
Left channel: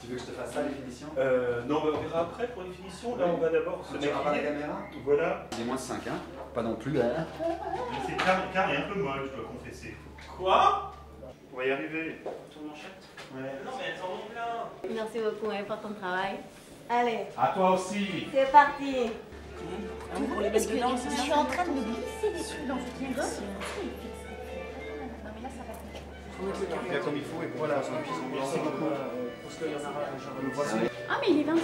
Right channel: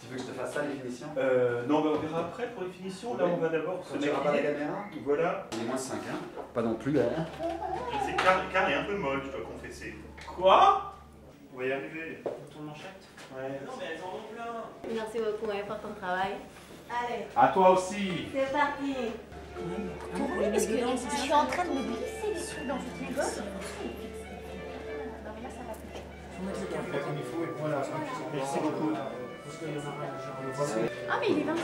Tu veux que je te fasse ça, les finitions? Non, mais on verra après pour les finitions. Là, on va d'abord se Tu verras pas la maquiller. caméra? Voilà. Il est moins 5, hein? Pas non plus, hein? C'est car est un peu molle, je dois confesser. Quoi? On va y arriver. Ton manchette? Ouais. Non, mais elles en ont plein. Merci beaucoup pour ton travail. Allez. À toi aussi. C'est parti. Parce que je suis en train de me glisser des trucs dans le soutien-gorge. Non, mais là, ça va plus. Faut mettre le carré. Bien comme il faut, et voilà. Merci beaucoup. Ah, mais il est 25.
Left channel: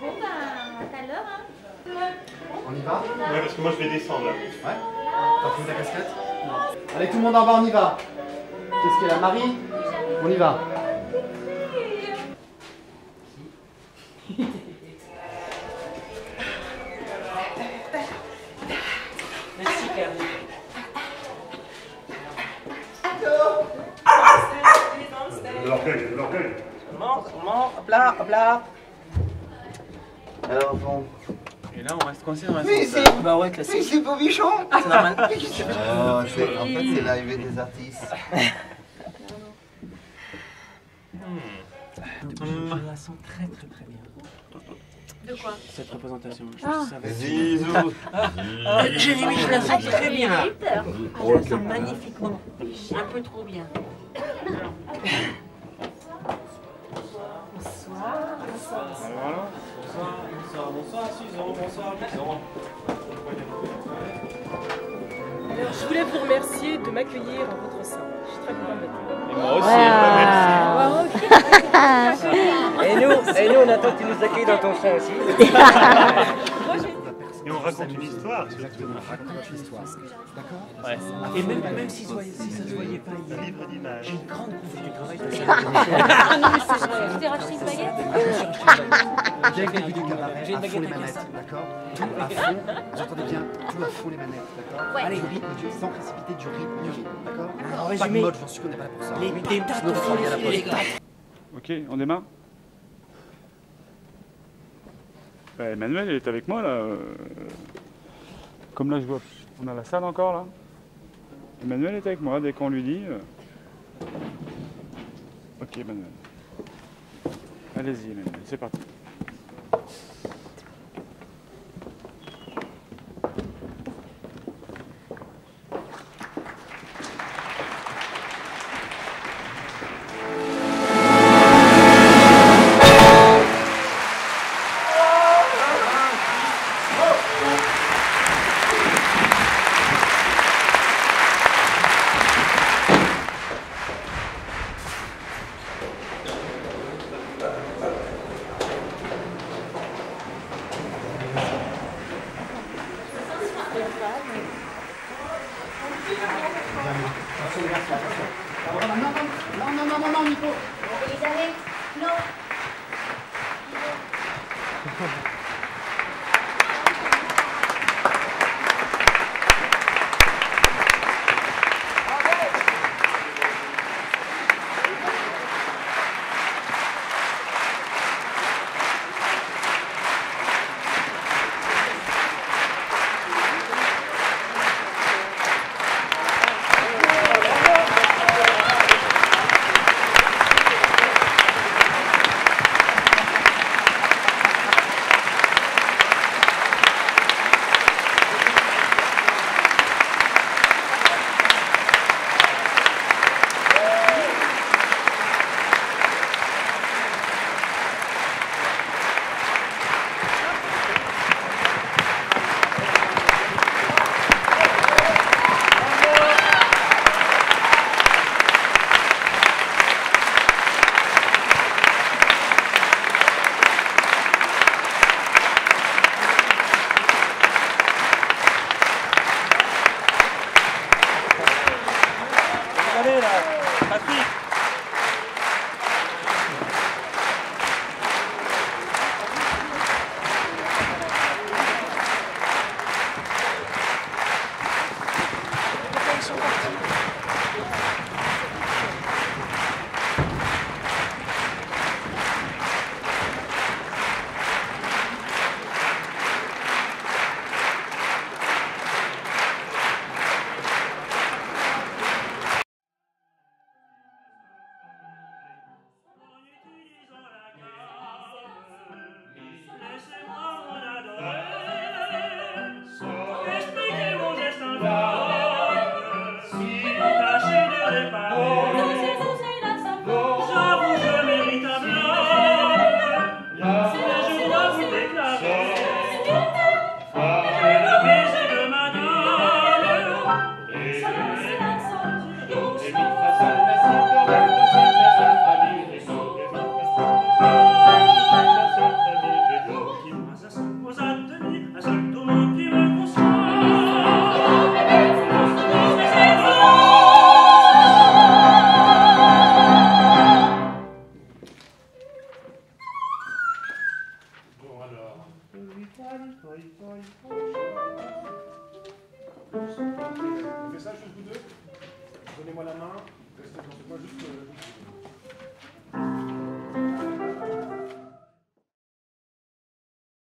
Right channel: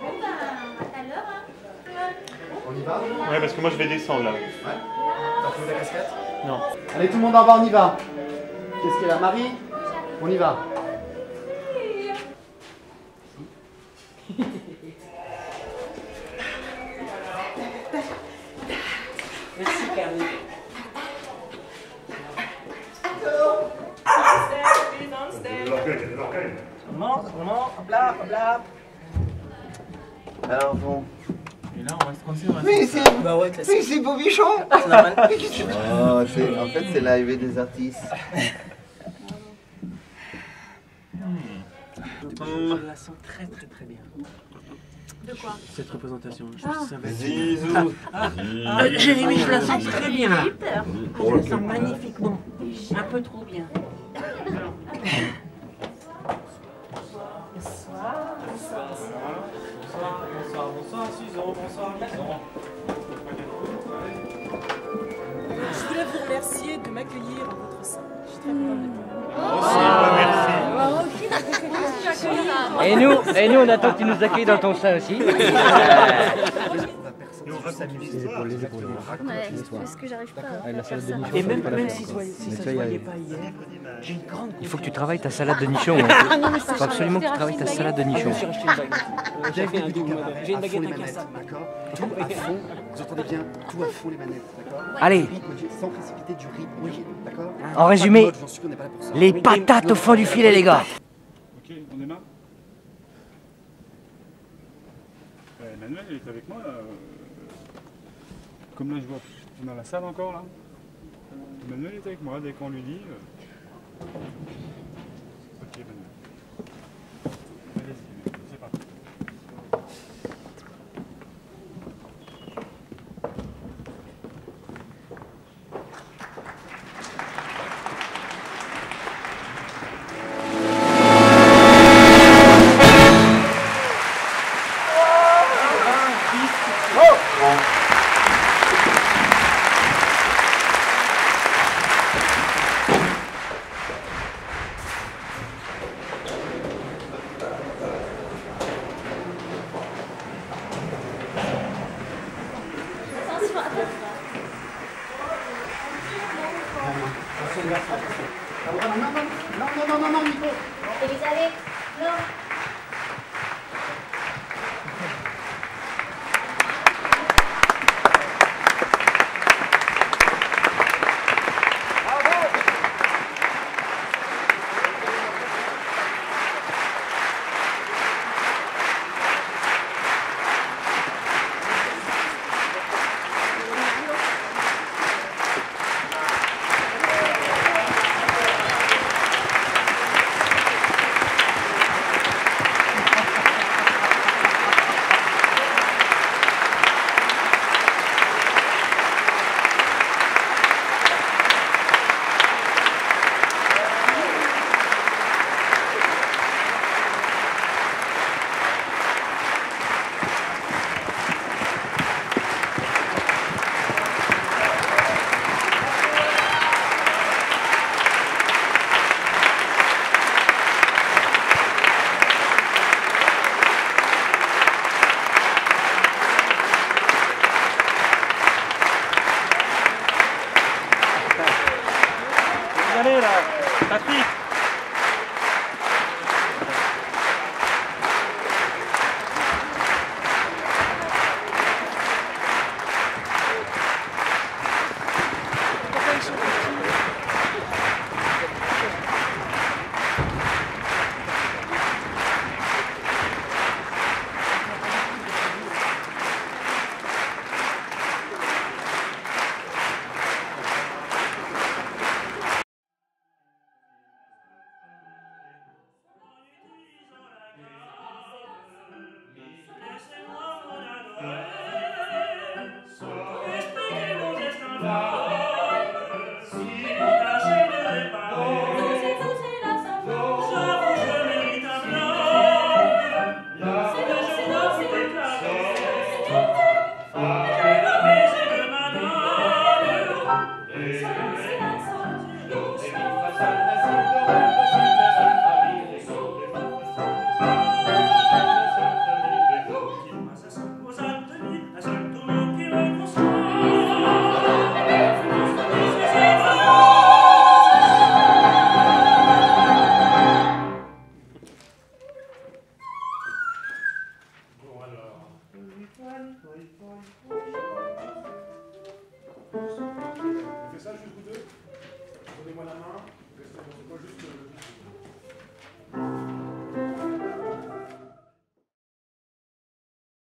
Bon, ben, à tout à l'heure, hein. On y va? Ouais, parce que moi je vais descendre là. Ouais. T'as pris ta casquette? Non. Allez, tout le monde en bas, on y va. Qu'est-ce qu'il y a là, Marie? On y va. Merci, Camille. De l'orgueil, de l'orgueil. Vraiment, hop là, hop là. Alors bon. Et là, on reste coincé dans la Oui, salle. c'est. Bah ouais, classique. Oui, c'est Bobichon. C'est normal. En fait, c'est l'arrivée des artistes. Je la sens très bien. De quoi? Cette représentation. Ah. Ça va être- Zizou. Jérémy, je la sens très bien. Je la sens magnifiquement. Un peu trop bien. Bonsoir, Suzanne, bonsoir, Alexandre. Je voulais vous remercier de m'accueillir en votre sein. Je suis très contente d'être là. Et moi aussi, merci. Ah, ok. Attends, tu nous accueilles dans ton seul aussi. Et on raconte une histoire. Exactement, raconte l'histoire. Parce que j'arrive pas. Et même si ça se voyait pas hier, j'ai une grande. Il faut que tu travailles ta salade de nichon. Ah non, mais c'est vrai. Tu t'es racheté une baguette? Je me suis racheté une baguette. Dès le début du cabaret, J'ai une à fond baguette les à manettes, cassade. d'accord? Tout à fond, vous entendez bien, tout à fond les manettes, d'accord? Ouais. Allez. Du rythme, sans précipiter du rythme, d'accord? En résumé, Pas de mode, j'en suis sûr, on n'est pas là pour ça. les patates au fond du filet, les gars. Ok, on démarre. Emmanuel est avec moi là. Comme là je vois, on a la salle encore là. Emmanuel est avec moi dès qu'on lui dit. Ok Emmanuel. Allez-y Emmanuel, c'est parti. Non, Nico. On fait ça juste vous deux. Donnez-moi la main. Restez dans ce coin juste.